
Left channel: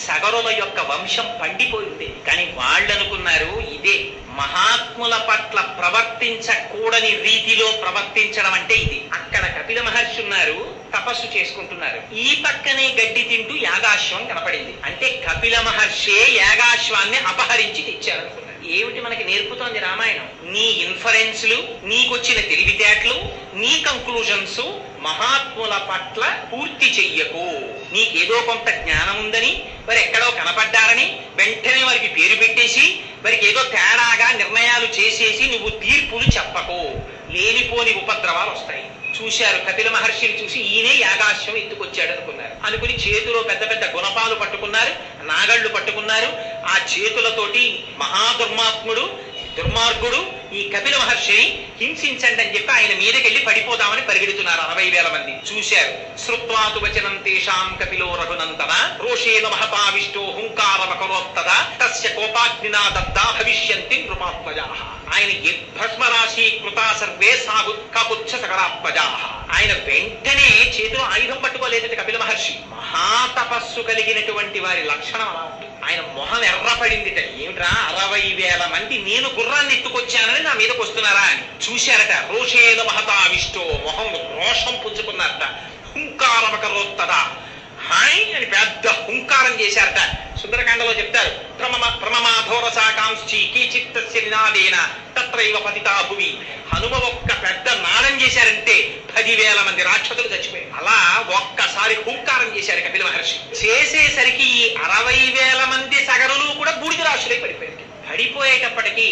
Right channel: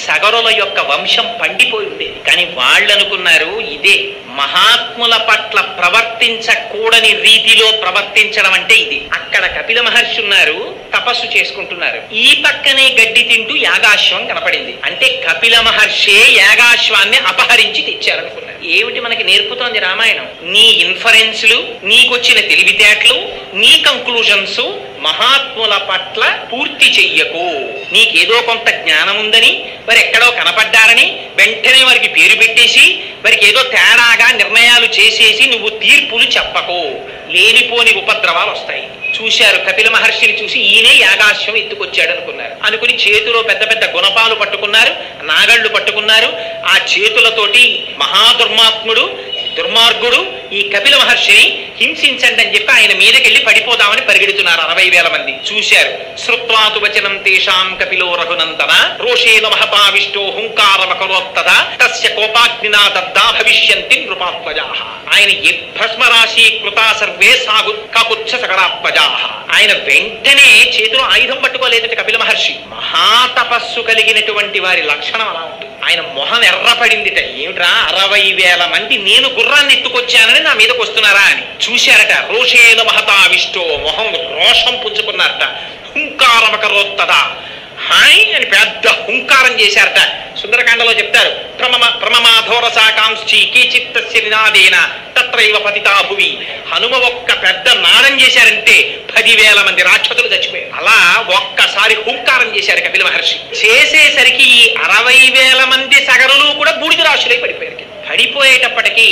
సగరుల యొక్క వంశం పండిపోయి ఉండేది. కానీ వాళ్ళు అనుకున్నారు ఇదే మహాత్ముల పట్ల ప్రవర్తించకూడని రీతిలో ప్రవర్తించడం అంటే ఇది. అక్కడ కపిల మహర్షి ఉన్నారు, తపస్సు చేసుకుంటున్నారు. ఈ పక్కనే గడ్డి తింటూ యాగాశ్వం కనపడింది. అంటే కపిల మహర్షే యాగాశ్వాన్ని అపహరించి తెచ్చారనుకున్నారు. ఏమిటి మనకి నేర్పుతోంది రామాయణం? నీ ఇన్ఫరెన్స్లు, నీకొచ్చిన తెలివితేటలు, నీ కంక్లూజన్స్ మహాత్ముల పట్ల పూర్తి చెయ్యకు. నీకేదో కొంత జ్ఞానం ఉందని, మరి ఎక్కడో కనపడ్డారని వెంటనే వారికి పేరు పెట్టేసి వారికి ఏదో తేడాగా నిర్ణయాలు చేసేసి నువ్వు తీర్పులు చెప్పకు. లేనిపోని ఉపద్రవాలు వస్తాయి. చూశారు కపిల మహర్షిని చూసి ఈయనే యాగాశ్వం ఎత్తుకొచ్చాడు అనుకున్నారు. అనుకుని చేతిలో పెద్ద పెద్ద గుణపాలు పట్టుకున్నారు, నాగళ్ళు పట్టుకున్నారు. ఆ చేతులతోటి దుర్మార్గుడు ఈ కపిల మహర్షిని హింసించండి అని చెప్పి ఆయన మీదకెళ్ళి పడిపోదామని పరిగెడుతున్నారు 60,000 మంది. చూశారు. శ్రుత్వాతు వచనం తేషాం కపిలో రఘునందన రోషేన మహతావిష్టో హుంకారమకరోత్తద తస్య కోపాగ్నినా దగ్ధా భవిష్యంతి నృపాత్మజాః. ఆయన భస్మరాశి కృతా సర్వే సాగు కాకుచ్చ సకరాత్మజాః. ఆయన వెంటనే చేతిలో ఆయుధం పట్టుకోలేదట కపిల మహర్షి. మహాతపస్సు కలిగినటువంటి వారి లక్షణం అలా ఉంటుంది. ఆయన మొహం ఎర్రపడిందిట. ఏమిట్రా 60,000 మంది నేను గుర్రాన్ని ఎత్తుకొచ్చానని నా మీదకి వస్తున్నారా అని చూశారట. రోషేన మహతావిష్టో, మొహం రోషం పుంజుకున్నారట. హుంకారమకరోత్తదా, హాయ్ అని పెద్ద హుంకారం చేశారట. సుందరకాండలో చెప్తారు, ప్రమమాధోరసాకాంక్షి కీచిత్తస్య నినాదేన తత్రైవ పతితా భువి. హనుమ ఒక్క పెద్ద నాదం చేశారంటే 10,000 మంది రాక్షసులు చచ్చిపోయారు. అలా ఒక్కసారి హుంకారం చేశారు కపిల మహర్షి. చేసేసరికి ఈ 60,000 మంది సగరులు కూడా బూడిద రాశులై పడిపోయారు. పడిపోయేటప్పటికీ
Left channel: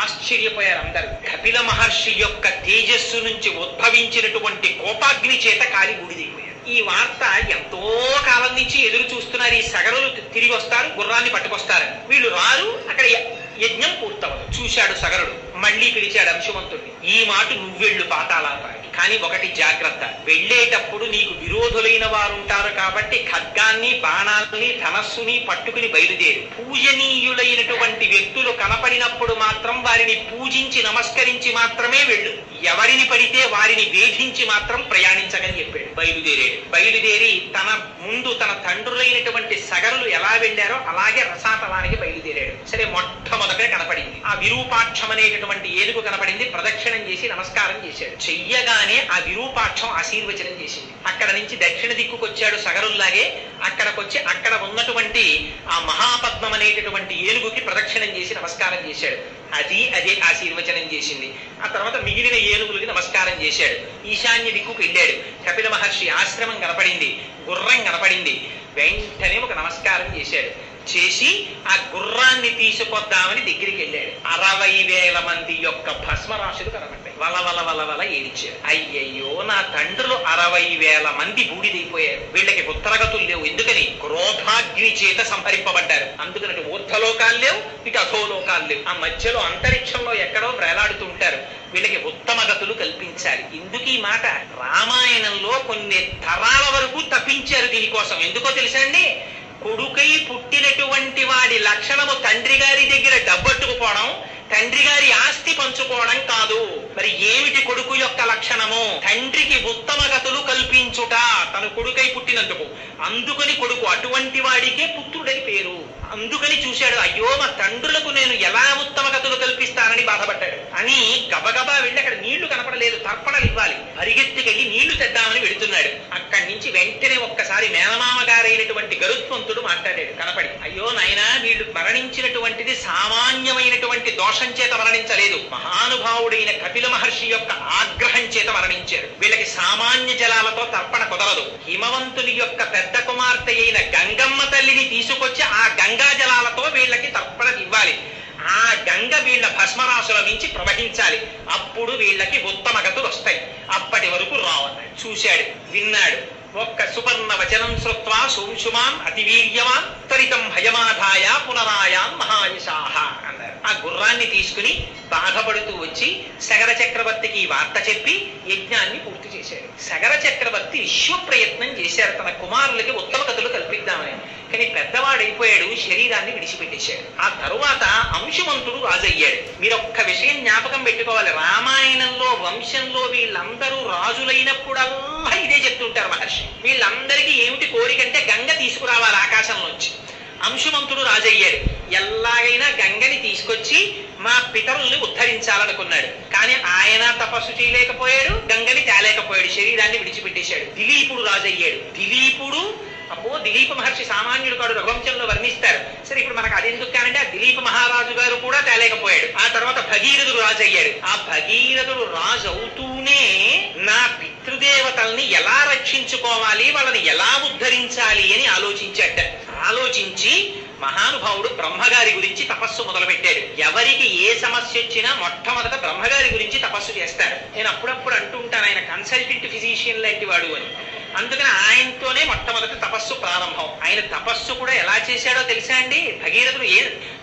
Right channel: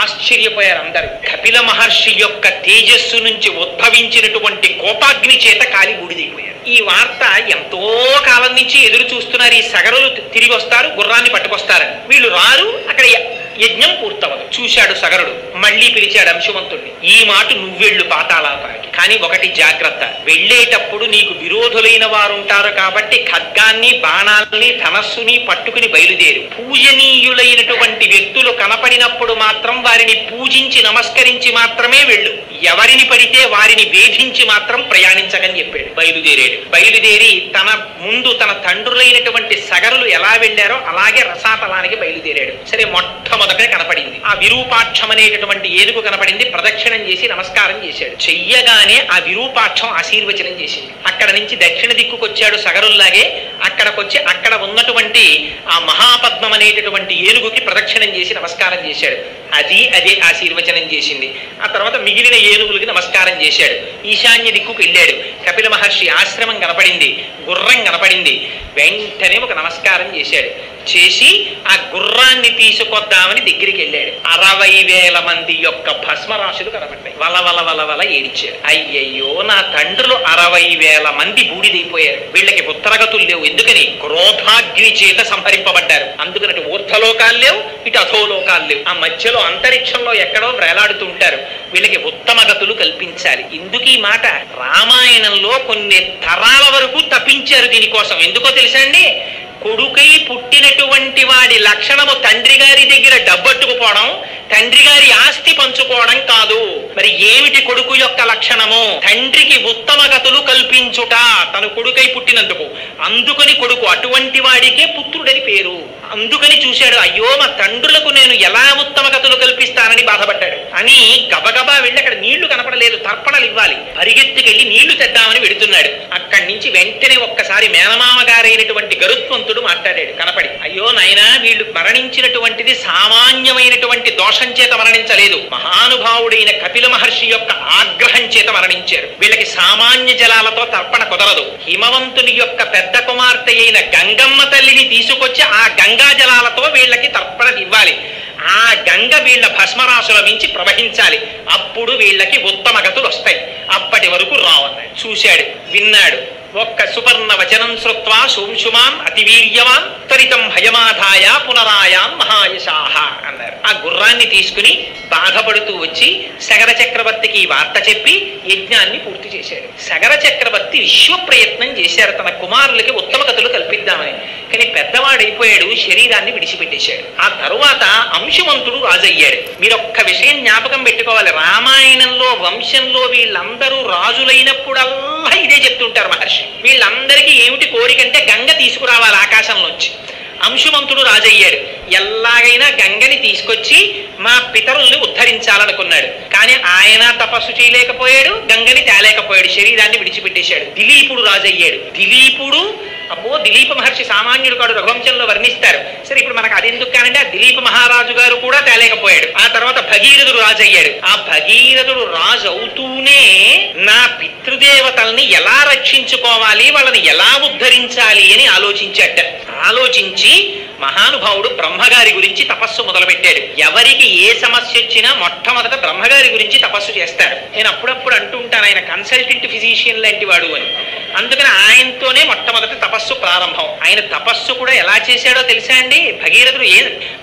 ఆశ్చర్యపోయారు అందరూ. కపిల మహర్షి యొక్క తేజస్సు నుంచి ఉద్భవించినటువంటి కోపాగ్ని చేత కాలి బూడిదైపోయారు. ఈ వార్త ఎంతో కాలం నుంచి ఎదురు చూస్తున్నారు. ఈ సగరులు తిరిగి వస్తారు, గుర్రాన్ని పట్టుకొస్తారని. వీళ్ళు రారు, అక్కడ యజ్ఞం పూర్తవదు. చూశాడు సగరుడు, మళ్ళీ పిలిచాడు అంశుమంతుడిని. ఈ మాట నువ్వెళ్ళు పాతాళానికి, కానీ ఒకటి జాగ్రత్త, వెళ్ళేటప్పుడు నీకు విరోధులైన వారు ఉంటారు కాబట్టి ఖడ్గాన్ని, బాణాలని, ధనస్సుని పట్టుకుని బయలుదేరు. పూజనీయులైనటువంటి వ్యక్తులు కనపడినప్పుడు మాత్రం వారిని పూజించి నమస్కరించి మాత్రమే వెళ్ళు. ఎవరిని పడితే వారిని వేధించి మాత్రం ప్రయాణించకని చెప్పాడు. బయలుదేరి తన ముందు తన తండ్రులైనటువంటి సగరులు ఎలా వెళ్ళారో అలాగే రసాతలానికి బయలుదేరాడు. సరే, మొట్టమొదట కనపడింది ఆ విరూపాక్షం అనేటటువంటి ఏనుగు కనపడింది. ప్రదక్షిణం చేసి నమస్కారం చేశాడు. చెయ్యగానే ఆ విరూపాక్షం ఆశీర్వచనం చేసింది. అక్కడ నుంచి దక్షిణ దిక్కుకొచ్చాడు సగరుల్లాగే. అక్కడికొచ్చి అక్కడ ఉన్నటువంటి ఆ మహాపద్మం అనేటటువంటి ఏనుగుకి ప్రదక్షిణం చేసి నమస్కారం చేశాడు. అదే ఆశీర్వచనం చేసింది. ఆ తర్వాత మిగిలిన ఏనుగులకి నమస్కారం చేశాడు. ఈశాన్య దిక్కుకు వెళ్ళాడు. కపిల మహర్షి ఆశ్రమం కనపడింది, గుర్రం కనపడింది. వెంటనే ఒక నమస్కారం చేశాడు. చేసి ఆ గుర్రాన్ని తీసుకొద్దామని దగ్గరికి వెళ్ళాడు. 60,000 మంది యొక్క భస్మరాశులు కనబడ్డాయి. వల ఏడిచాడు. అయ్యయ్యో, నా తండ్రులు 60,000 మంది బూడిదైపోయారు. వీళ్ళకి ఉత్తరగతులు లేవు. ఎందుకని? క్రోధాగ్ని చేత సంహరింపబడ్డారు. అందుకని ఊర్ధలోకాలు లేవు, ఇటు అధోలోకాలు లేవు. ఆ మధ్యలో అంతరిక్షంలో ఎక్కడో వేలాడుతూ ఉంటారు. వీళ్ళకి ఉత్తమ గతులు కల్పించాలి. ఎందుకు ఈ మాట? రామాయణంలో కొన్ని తరాల వరకు తప్పించారు దీనికోసం. ఎందుకో తెలుసా అండి? కొడుకై పుట్టినటువంటి వాడి లక్షణము తండ్రి గారి దగ్గర డబ్బట్టుకుపోవడం, తండ్రి గారి ఆస్తి పంచుకోవడం కాదు. మరి ఏమిటి కొడుకు యొక్క లక్షణము? తండ్రికి ఉత్తమ గతులు కల్పించుట, తను కొడుకై పుట్టినందుకు. అందుకని కొడుకు, అటువంటి వాడికే పుత్రుడని పేరు. అందుకని చూశాడు, అయ్యో మా తండ్రులకు నేను ఎలా ఉత్తమ గతులు కల్పిస్తానని బాధపడ్డాడు. అని గబగబా వెళ్ళి అక్కడ నీళ్లు కనపడలేదు, తర్పణలు ఇవ్వాలి. పరిగెత్తుకెళ్ళి నీళ్లు తెద్దామని వెడుతున్నాడు. అక్కడి నుంచి వెంటనే ఒక్కసారి మేనమామ గారైనటువంటి గరుత్మంతుడు మాట్లాడాడు కనపడి. అయ్యో నాయనా, వీళ్ళు మరణించినటువంటిది సామాన్యమైనటువంటి దోషం చేత మరణించలేదు, మహానుభావుడైన కపిల మహర్షి యొక్క ఆగ్రహం చేత మరణించారు. వీళ్ళకి సామాన్య జలాలతో తర్పణ కుదరదు. హిమవంతుని యొక్క పెద్ద కుమార్తె అయిన గంగమ్మ తల్లిని తీసుకొచ్చి ఆ గంగా జలాలతో వీళ్ళకి తర్పణ ఇవ్వాలి. ఆ గంగ వీళ్ళ భస్మరాశుల మించి ప్రవహించాలి. అప్పుడు వీళ్ళకి ఉత్తమ గతులు వస్తాయి. అప్పటి వరకు రావన్నాడు. చూశాడు, విన్నాడు. ఒక్క సుపర్ణ వచనం శ్రుత్వా సోంశుమాన్ అతివీర్యవాన్ త్వరితం హయమాధాయ పునరాయాన్ మహాయశాహ అన్నారు. ఆ గుర్రాన్ని తీసుకుని బాధపడుతూ వచ్చి సగర చక్రవర్తికి వార్త చెప్పి యజ్ఞాన్ని పూర్తి చేశాడు. సగర చక్రవర్తి విశ్వ ప్రయత్నం చేశారు తన కుమారులకి ఉత్తమ గతులు కల్పిద్దామని. కానీ పెద్దవాడైపోయాడు, శరీరాన్ని విడిచిపెట్టేశాడు. ఆ తరువాత అంశుమంతుడు రాజయ్యాడు. మీరు ఒక్క విషయం జ్ఞాపకం పెట్టుకోవాలి. రామాయణంలో వంశంలో వీళ్ళందరూ రాజులైనప్పుడల్లా ఇదే చెప్తుంటారు మహర్షి. వీళ్ళందరికీ ఏమిటి కోరికంటే గంగ తీసుకురావాలి ఆకాశంలోంచి. అంశుమంతుడు రాజయ్యాడు. ఎలాగైనా గంగని తీసుకొచ్చి మా పితరుల్ని ఉద్ధరించాలనుకున్నాడు. కానీ ఆయన తపస్సు చేయలేకపోయాడు, గంగని తేలేకపోయాడు, శరీరాన్ని విడిచిపెట్టేశాడు. దిలీపుడు రాజయ్యాడు. దిలీపుడు, అబ్బో దిలీప మహర్షి సామాన్యుడు కాడు, రఘువంశంలో వర్ణిస్తారు. సరే, ఇప్పుడు మనకు అది ఎందుకు కానంటే ఆ దిలీప మహారాజు గారు కూడా తేలేకపోయాడు. ఆ తర్వాత భగీరథుడు రాజు అయ్యాడు. ఆ భగీరథుడు రాజు అవుతూనే నా పితృదేవతల్ని ఎలా రక్షించుకోవాలి, వాళ్ళని ఎలా ఉద్ధరించాలి అని ఆలోచించాట. ఆలోచించి మహానుభావుడు బ్రహ్మగారి గురించి తపస్సు మొదలుపెట్టాడు. ఎవరికి ఏ సమస్య వచ్చినా మొట్టమొదట బ్రహ్మగారి గురించి తపస్సు చేస్తాడు. నేను అప్పుడప్పుడు అంటూ ఉంటాను, ఆయన కన్సల్టెంట్ ఫిజిషియన్ లాంటి వాడు అని. అందుకని ఆయనతోనే మొట్టమొదటి తపస్సు ప్రారంభం. ఆయన తపస్సు కూడా ఎలా చేశాడో తెలుసా అండి? భగీరథుడు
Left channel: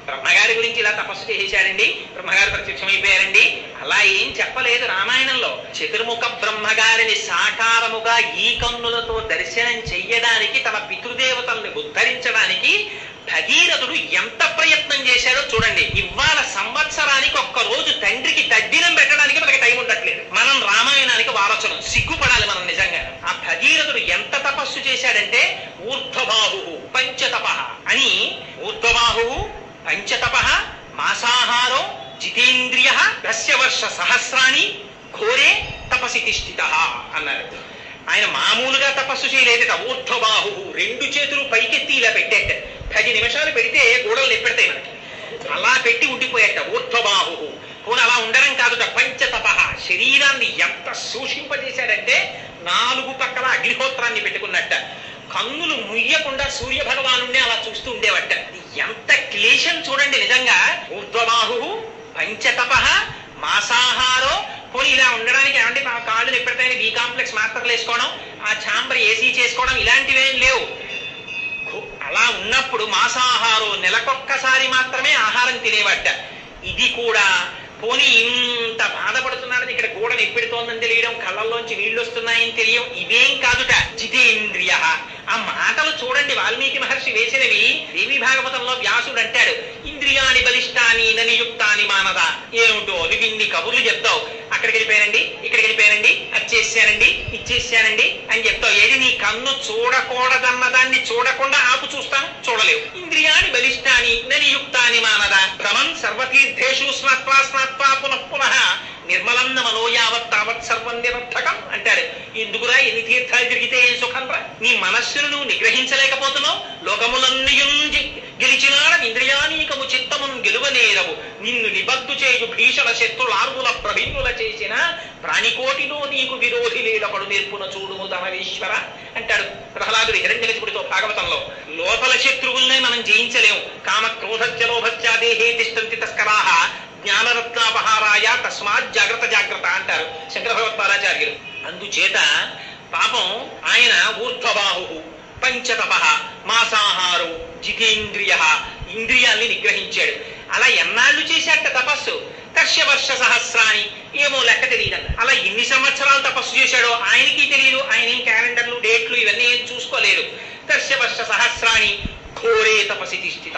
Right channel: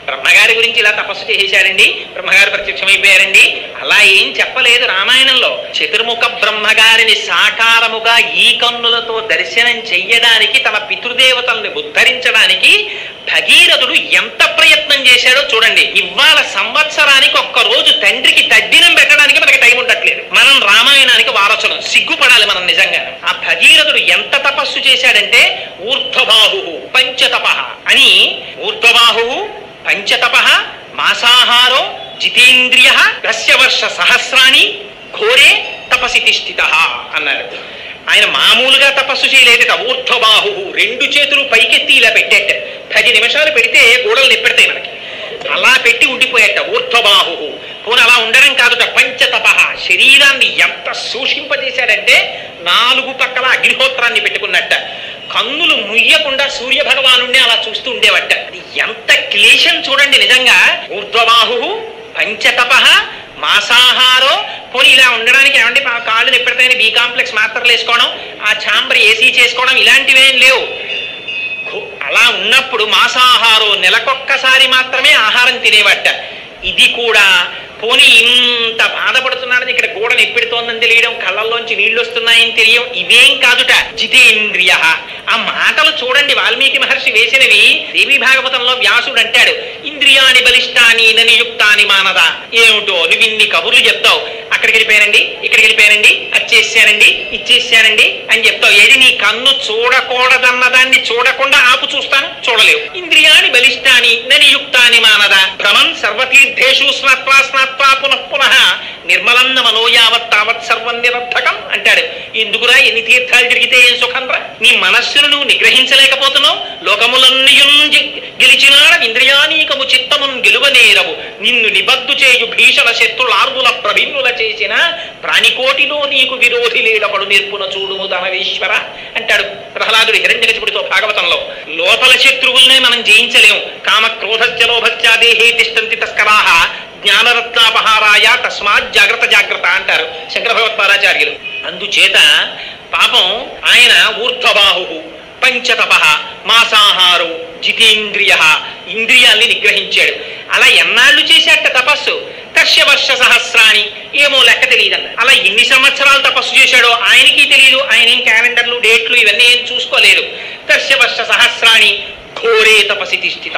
బ్రహ్మగారి గురించి ఇలా తపస్సు చేశాడండి, బ్రహ్మగారు ప్రత్యక్షమైపోయారండి అలా ఏం చెప్పలేదు రామాయణంలో. చతుర్ముఖ బ్రహ్మగారిని సాకారముగా ఈ కన్నులతో దర్శనం చెయ్యడానికి, తన పితృదేవతల్ని ఉద్ధరించడానికి భగీరథుడు ఎంత ప్రయత్నం చేశాడో చూడండి. ఇవాళ సంవత్సరానికి ఒక్క రోజు తండ్రికి తద్దినం పెట్టడానికి మనకి టైం ఉండట్లేదు. మనం రామాయణానికి వారసులం, సిగ్గుపడాలి మనం నిజంగా. ఆ భగీరథుడు ఎంత తపస్సు చేశాడంటే ఊర్ధ్వబాహు పంచతప అని, ఊర్ధ్వబాహు పంచతప మాసాహారో జితేంద్రియ దస్యవర్ష సహస్రాణి ఘోరే తపసి తిష్ఠిత అన్నారు. ఆయన మామూలుగా తపస్సు చేయలేదట. ఊర్ధ్వబాహు, 2 చేతులు పైకెత్తి ఇలా పెట్టేట. 10 నిమిషాలు పెడితే గోడలు నిప్పెడతాయి మనకి. అలా పెట్టి ఉండిపోయేట ఊర్ధ్వబాహు. పోనీ అలా ఉండడం కాదుట, పంచతప, శరీరాన్ని ఎంత సూషింపజేశాడంటే 4 పక్కల అగ్నిహోత్రాన్ని పెట్టుకున్నట్ట. కన్నులు ముయ్యకుండా సూర్య భగవాను అలా చూస్తూ ఉండేవట. ఎంత క్లేశం చూడండి నిజంగా. ఊర్ధ్వబాహు పంచతప మాసాహారో పోనీ ఇలా ఉండడానికి ఏమంటే కాళ్ళు ఎప్పటికైనా బి కాంప్లెక్స్ మాత్రలు వేసుకోవడం, ఆ ఛాంబర్ ఏసీ చేసుకోవడం ఇలాంటివేం లేవు. అలా ఉన్నప్పుడు మాంసాహారం నెలకొక్కసారి మాత్రమే ఆహారం తినేవట. ఇది కూడా పోనీ ఇంత బాధపడుతున్నాడని ఇక్కడ గోడను ఎప్పెడుతోందని తెలియడం, కళ్ళల్లోంచి నీళ్లు వస్తున్నాయని తెలియడం ఇవేం కాదుట. జితేంద్రియ. ఆ మాటలు చూడండి, వాల్మీకి మహర్షి వేసినవి. దేవి భాగవతంలో వ్యాసుడు అంటాడు, ఇంద్రియాని బలిష్టాని నియుక్తాని మానద. ఏమిటో నువ్వు ఇన్ని కబుర్లు చెప్తావు, అక్కడికి వెళ్ళిపోయానండి, ఇక్కడికి వెళ్ళిపోయానండి, వచ్చేసానండి, ఇచ్చేసానండి అని చెప్తావు. ఏది నీ కన్ను చూడకూడదన్నదాన్ని చూడకుండా ఆపు చూస్తాను, చూడలేవు. ఇంద్రియాని బలిష్టాని నియుక్తాని మానద. భ్రమన్ సర్వతీర్థేషు స్నాత్వా స్నాత్వా పునః పునః నిర్మలన్న మనోయావత్ తావత్ సర్వం నిరర్థకం అంటాడు. ఎందుకురా ఎన్ని తీర్థాలు తిరిగితే ఏం సుఖంరా? నీ మనస్సును నువ్వు నిగ్రహించలేకపోతున్నావు. లోకములన్నయున్ గెలిచినాడ ఇంద్రియానీకము చిత్తమున్ గెలువనేరవు. నిన్ను నిబద్దు చేయు భీషణ శత్రులార్వుల ప్రభిన్నుల చేసిన ప్రాణికోటిలో నీకు విరోధి లేడపడు నేర్పున చూడుము ధనవేశ్వర అంటాడు ప్రహ్లాదుడు హిరణ్యకశిపుడితో భాగవతంలో. లోపల శత్రువుల్నే మనం జయించలేము. కామ క్రోధస్య లోభస్య దేహే తిష్టంతి తస్కరాః జ్ఞానరత్నాపహారాయ తస్మాత్ జాగ్రత్త జాగ్రత్త అంటారు శంకర భగవత్పాదాచార్యులు. అందుచేత పాపం ఆయన ఊర్ధ్వబాహు పంచతప మాంసాహారం జితేంద్రియ, ఇంద్రియాల్ని నిగ్రహించాడు. అలా ఎన్నాళ్ళు చేశాట తపస్సు? దర్శవర్ష సహస్రాన్ని, ఏమో లెక్క తెలియదన్న. అలా ఎన్ని సంవత్సరాలు తపస్సు చేశాడో ఆయనకి తెలియదు. ఆయన ఏం క్యాలెండర్లు డేట్లు ఇవన్నీ ఏం చూసుకోలేదు. దర్శవర్ష సహస్రాన్ని ఘోరే తపసి తిష్ఠిత.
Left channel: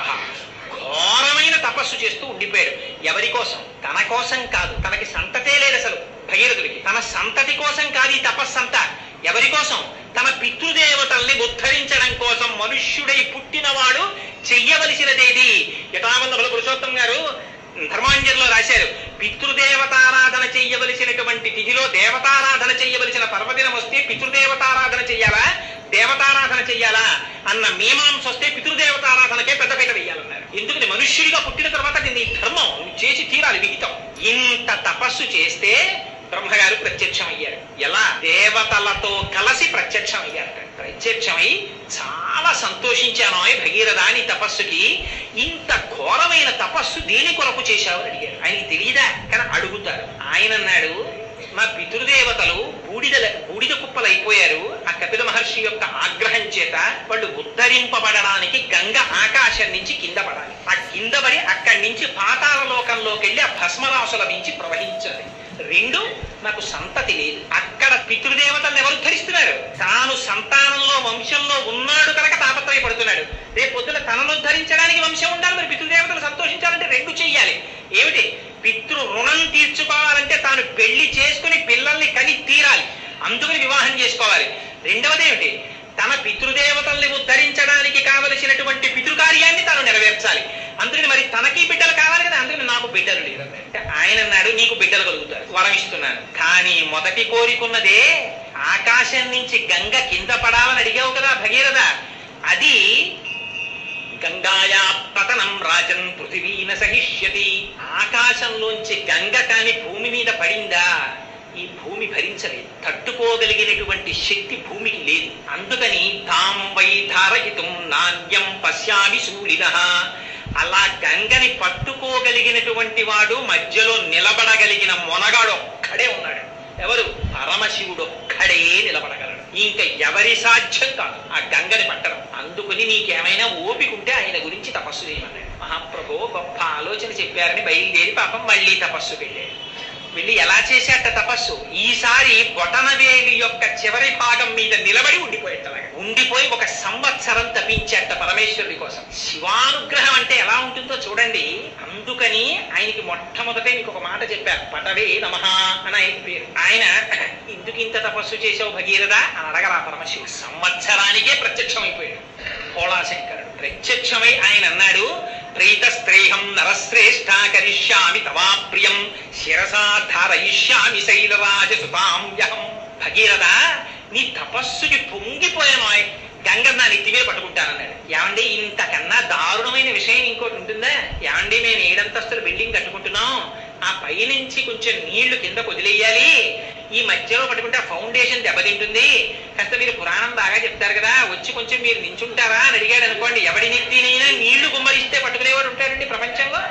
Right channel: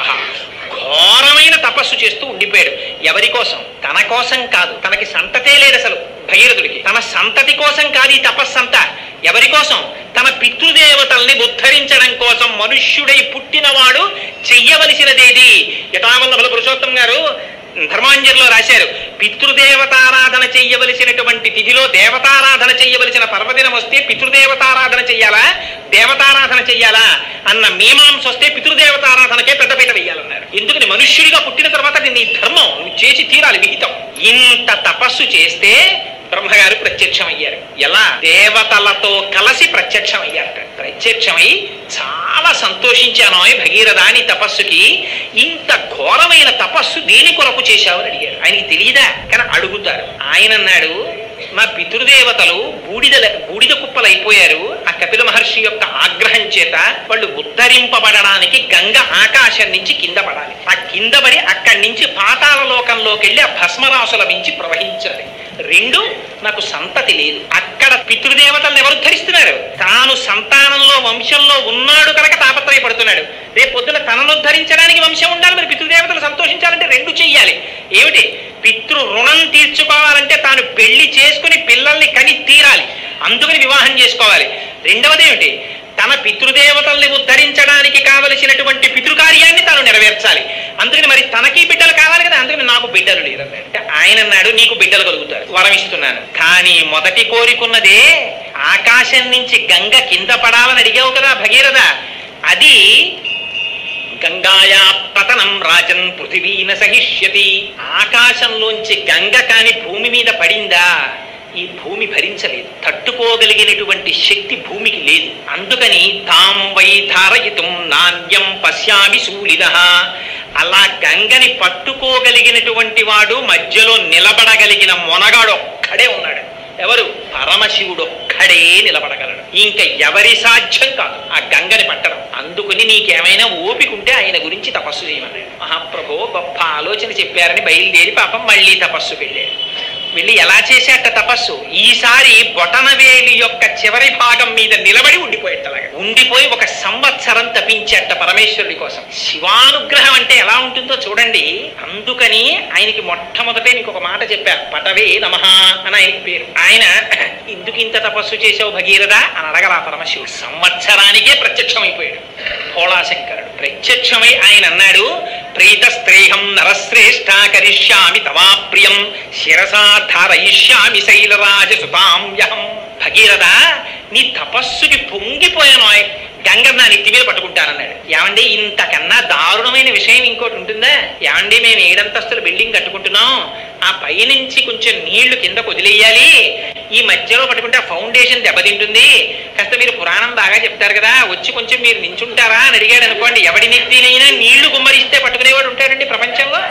ఘోరమైన తపస్సు చేస్తూ ఉండిపోయాడు. ఎవరి కోసం? తన కోసం కాదు. తనకి సంతతే లేదు అసలు భగీరథుడికి. తన సంతతి కోసం కాదు ఈ తపస్సంతా. ఎవరి కోసం? తన పితృదేవతల్ని ఉద్ధరించడం కోసం. మనుష్యుడై పుట్టినవాడు చెయ్యవలసినదేది. యథావల్లభుల పురుషోత్తం గారు ధర్మాంజలిలో రాశారు, పితృదేవతారాధన చెయ్యవలసినటువంటి తిథిలో దేవతారాధన చెయ్యవలసిన పర్వదినం వస్తే పితృదేవతారాధన చెయ్యాలా దేవతారాధన చెయ్యాలా అన్న మీమాంస వస్తే పితృదేవతారాధనకే పెద్దపీట వెయ్యాలన్నారు. ఎందుకని? మనుష్యుడిగా పుట్టిన తర్వాత నీ ధర్మం నువ్వు చేసి తీరాలి, విహితం. ఇంత తపస్సు చేస్తే బ్రహ్మగారు ప్రత్యక్షమయ్యారు. ఎలా? దేవతలతో కలిసి ప్రత్యక్షమయ్యారట. ప్రత్యక్షమై చాలా సంతోషించాను భగీరథ నీ తపస్సుకి. ఇంత ఘోరమైన తపస్సు దేని కొరకు చేశావని అడిగారు. ఆయనకి తెలియదా? కానీ అడుగుతారు. ఆయన అన్నాడు, మా పితృదేవతలు బూడిద కుప్పలు అయిపోయారు. ఆ కపిల మహర్షి యొక్క ఆగ్రహం చేత వాళ్ళు ఉద్ధరింపబడడానికి గంగ ఆకాశం నుంచి కింద పడాలి. ఆ కింద పడి అక్కడి నుంచి పాతాళ లోకంలోకి వెళ్ళి ఆ భస్మరాసుల మించి ప్రవహించాలి. రెండు, నాకు సంతతి లేదు. అక్కడ పితృదేవతలను ఎవరు ధరిస్తున్నారు? తాను సంతానంలో వంశంలో ఉన్నాడు కనుక తాపత్రయపడుతున్నాడు. రేపు పొద్దున తనను ధరించడానికి వంశం ఉండాలి. మరి పితృదేవతలు సంతోషించాలంటే రెండు చెయ్యాలి. ఏమిటి? పితృ రుణం తీర్చుకోవాలంటే తాను పెళ్లి చేసుకుని పిల్లల్ని కని తీరాలి. అందుకని వివాహం చేసుకోవాలి. రెండవది ఏమిటి? తన పితృదేవతల్ని ఉద్ధరించడానికి కావలసినటువంటి పితృకార్యాన్ని తాను నెరవేర్చాలి. అందుకని మరి తనకి బిడ్డలు కావాలి కదా. అందుకని నాకు బిడ్డలు లేదంటే ఆయన అన్నాడు, నీకు బిడ్డలు కలుగుతారు, వరం ఇస్తున్నాను. కానీ మొదటి కోరికున్నదే ఆకాశం నుంచి గంగ కింద పడాలని అడిగావు కదా భగీరథ. అది గంగాయా పతనం రాజన్ పృథివీన సహిష్యతి. ఆకాశంలోంచి గంగ కాని భూమి మీద పడిందా ఈ భూమి భరించలేదు. తట్టుకోగలిగినటువంటి శక్తి భూమికి లేదు. అందుకని తాం వై ధారయితుం నాణ్యం పశ్యామి శూలినః. అలా గంగని పట్టుకోగలిగినటువంటి వాడు మధ్యలో నిలబడగలిగిన మొనగాడు ఒక్కడే ఉన్నాడు. ఎవరు? పరమశివుడు ఒక్కడే నిలబడగలడు. ఇంకా ఎవరి సాధ్యం కాదు ఆ గంగని పట్టడం. అందుకని నీకేమైనా ఓపిక ఉంటే ఆయన గురించి తపస్సు చేయమన్నాడు. మహాప్రభు గొప్ప ఆలోచన చెప్పారని బయలుదేరి పాపం మళ్ళీ తపస్సుకి వెళ్ళాడు. వెళ్ళి ఎలా చేశాట తపస్సు? ఈసారి బొటనవేలి యొక్క చివరి భాగం మీద నిలబడి ఉండిపోయేటలాగా ఉండిపోయి 1 సంవత్సరం తపించేట పరమేశ్వరుడి కోసం. శివానుగ్రహం అంటే ఎలా ఉంటుందో చూడండి. అందుకని ఆయనకి మొట్టమొదటే నీకు ఒక మాట చెప్పారు, పటవే నమః అని ఆయనకి పేరు. ఆయన ఎందుకు ఇంత తపస్సు చేసావు భగీరథ అని అడగలా పరమశివుడు. సంవత్సరానికే ప్రత్యక్షమైపోయాడు భోళాశంకరుడు. ప్రత్యక్షమై ఆయన అన్నాడు, ప్రీతస్త్రేహం నరశ్రేష్ఠ కరిష్యామి తవాప్రియం శిరసా ధారయిష్యామి శైలరాజసుతాంయహం. భగీరథ నీ తపస్సుకి పొంగిపోయాను, గంగ నా నెత్తి మీద పట్టుకుంటానన్నాడు. ఏమండి ఇంతకన్నా దారుణమైన విషయం ఇంకోటి ఉంటుందా? ఏమండి మేము 7 అంతస్తుల బిల్డింగ్ కట్టుకుంటున్నాం, ఆ పైనుంచి కొంచెం నీళ్లు కిందకు వదిలేయాలి, ఈ మధ్యలో పట్టుకుంటే ఆ ఫౌండేషన్ దెబ్బతింటుంది, కాస్త మీరు పురాణం బాగా చెప్తారు కదా, వచ్చి కొంచెం మీరు నించుంటారా అని అడిగాడు అనుకోండి. ఎవడి నెత్తినైనా నీళ్లు గుమ్మరిస్తే పట్టుకునేవాడు ఉంటాడండి ప్రపంచంలో.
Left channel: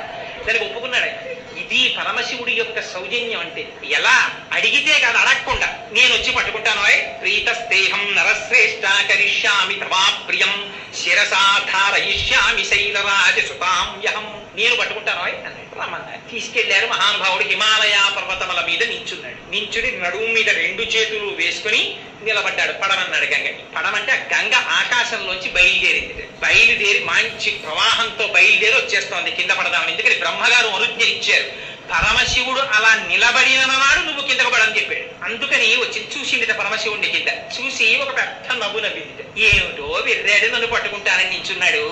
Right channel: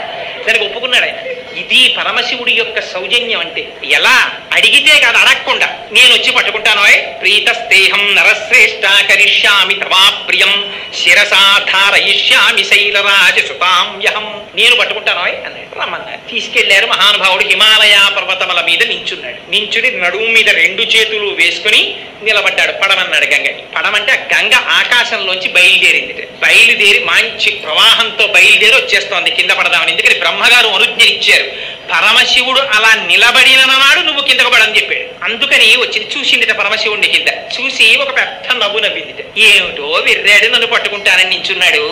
దానికి ఒప్పుకున్నాడు ఆయన. ఇది పరమశివుడి యొక్క సౌజన్యం అంటే. ఎలా అడిగితే కాదు, అడగకుండా నేను వచ్చి పట్టుకుంటాను. ప్రీతస్తేహం నరశ్రేష్ఠ కరిష్యామి తవా ప్రియం శిరసా ధారయిష్యామి శైలరాజ సుతాంయహం. నేను పట్టుకుంటాను అన్నాడు. రమ్మన్నారు. తీసుకెళ్లారు. మహానుభావుడు హిమాలయ పర్వతముల మీద నించున్నాడు. నించుని నడుము మీద 2 చేతులు వేసుకుని నిలబడ్డాడు. పడమన్నాడు గంగని. పడమంటే ఆ గంగ ఆకాశంలోంచి బయలుదేరింది. బయలుదేరి మంచి ప్రవాహంతో బయలుదేరి వచ్చేస్తోంది కింద పడదామని. ఎందుకని బ్రహ్మగారు అనుజ్ఞ ఇచ్చారు. పరమశివుడు అలా నిలబడిన నాడు నువ్వు కిందకు పడని చెప్పాడు. అందుకని వచ్చింది. చూసిందిట పరమశివుడిని కింద. చూసి ఒక పెద్ద నవ్వు నవ్విందిట. ఏమిటో విర్రాడు, నన్ను పట్టుకుంటానని నించున్నాడు.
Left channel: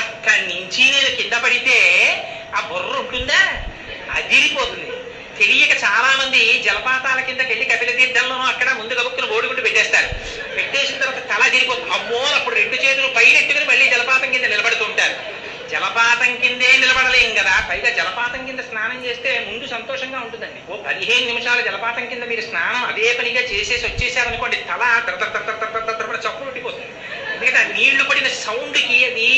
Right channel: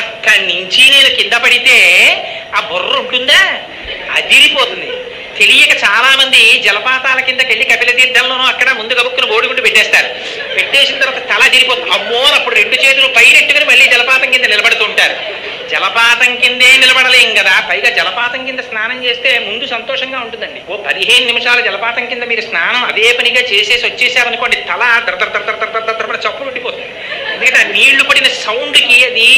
అక్కడి నుంచి నేను కింద పడితే ఆ బుర్ర ఉంటుందా? అదిరిపోతుంది. తెలియక చాలా మంది జలపాతాల కిందకి వెళ్ళి కపిల తీర్థంలోనూ అక్కడ ముందు గబుక్కును ఓడుకుంటూ పెట్టేస్తారు. పెట్టేసిన తర్వాత తల అదిరిపోతుంది. అమ్మో, అప్పుడు 2 చేతులు పైనెట్టుకుని మళ్ళీ జలపాతం కింద నిలబడుతూ ఉంటారు. జలపాతం కిందే నిలబడలేం కదా. పైగా జలపాతం కింద స్నానం చేస్తే ముందు సంతోషంగా ఉంటుందండి. 15 నిమిషాల జలపాతం కింద మీరు స్నానం అదే పనిగా చేసేసి వచ్చేసారనుకోండి, తల దర చప్పు పెట్టిపోతుంది. ఎందుకంటే ఆ నీళ్లు పడిన సౌండ్కి అది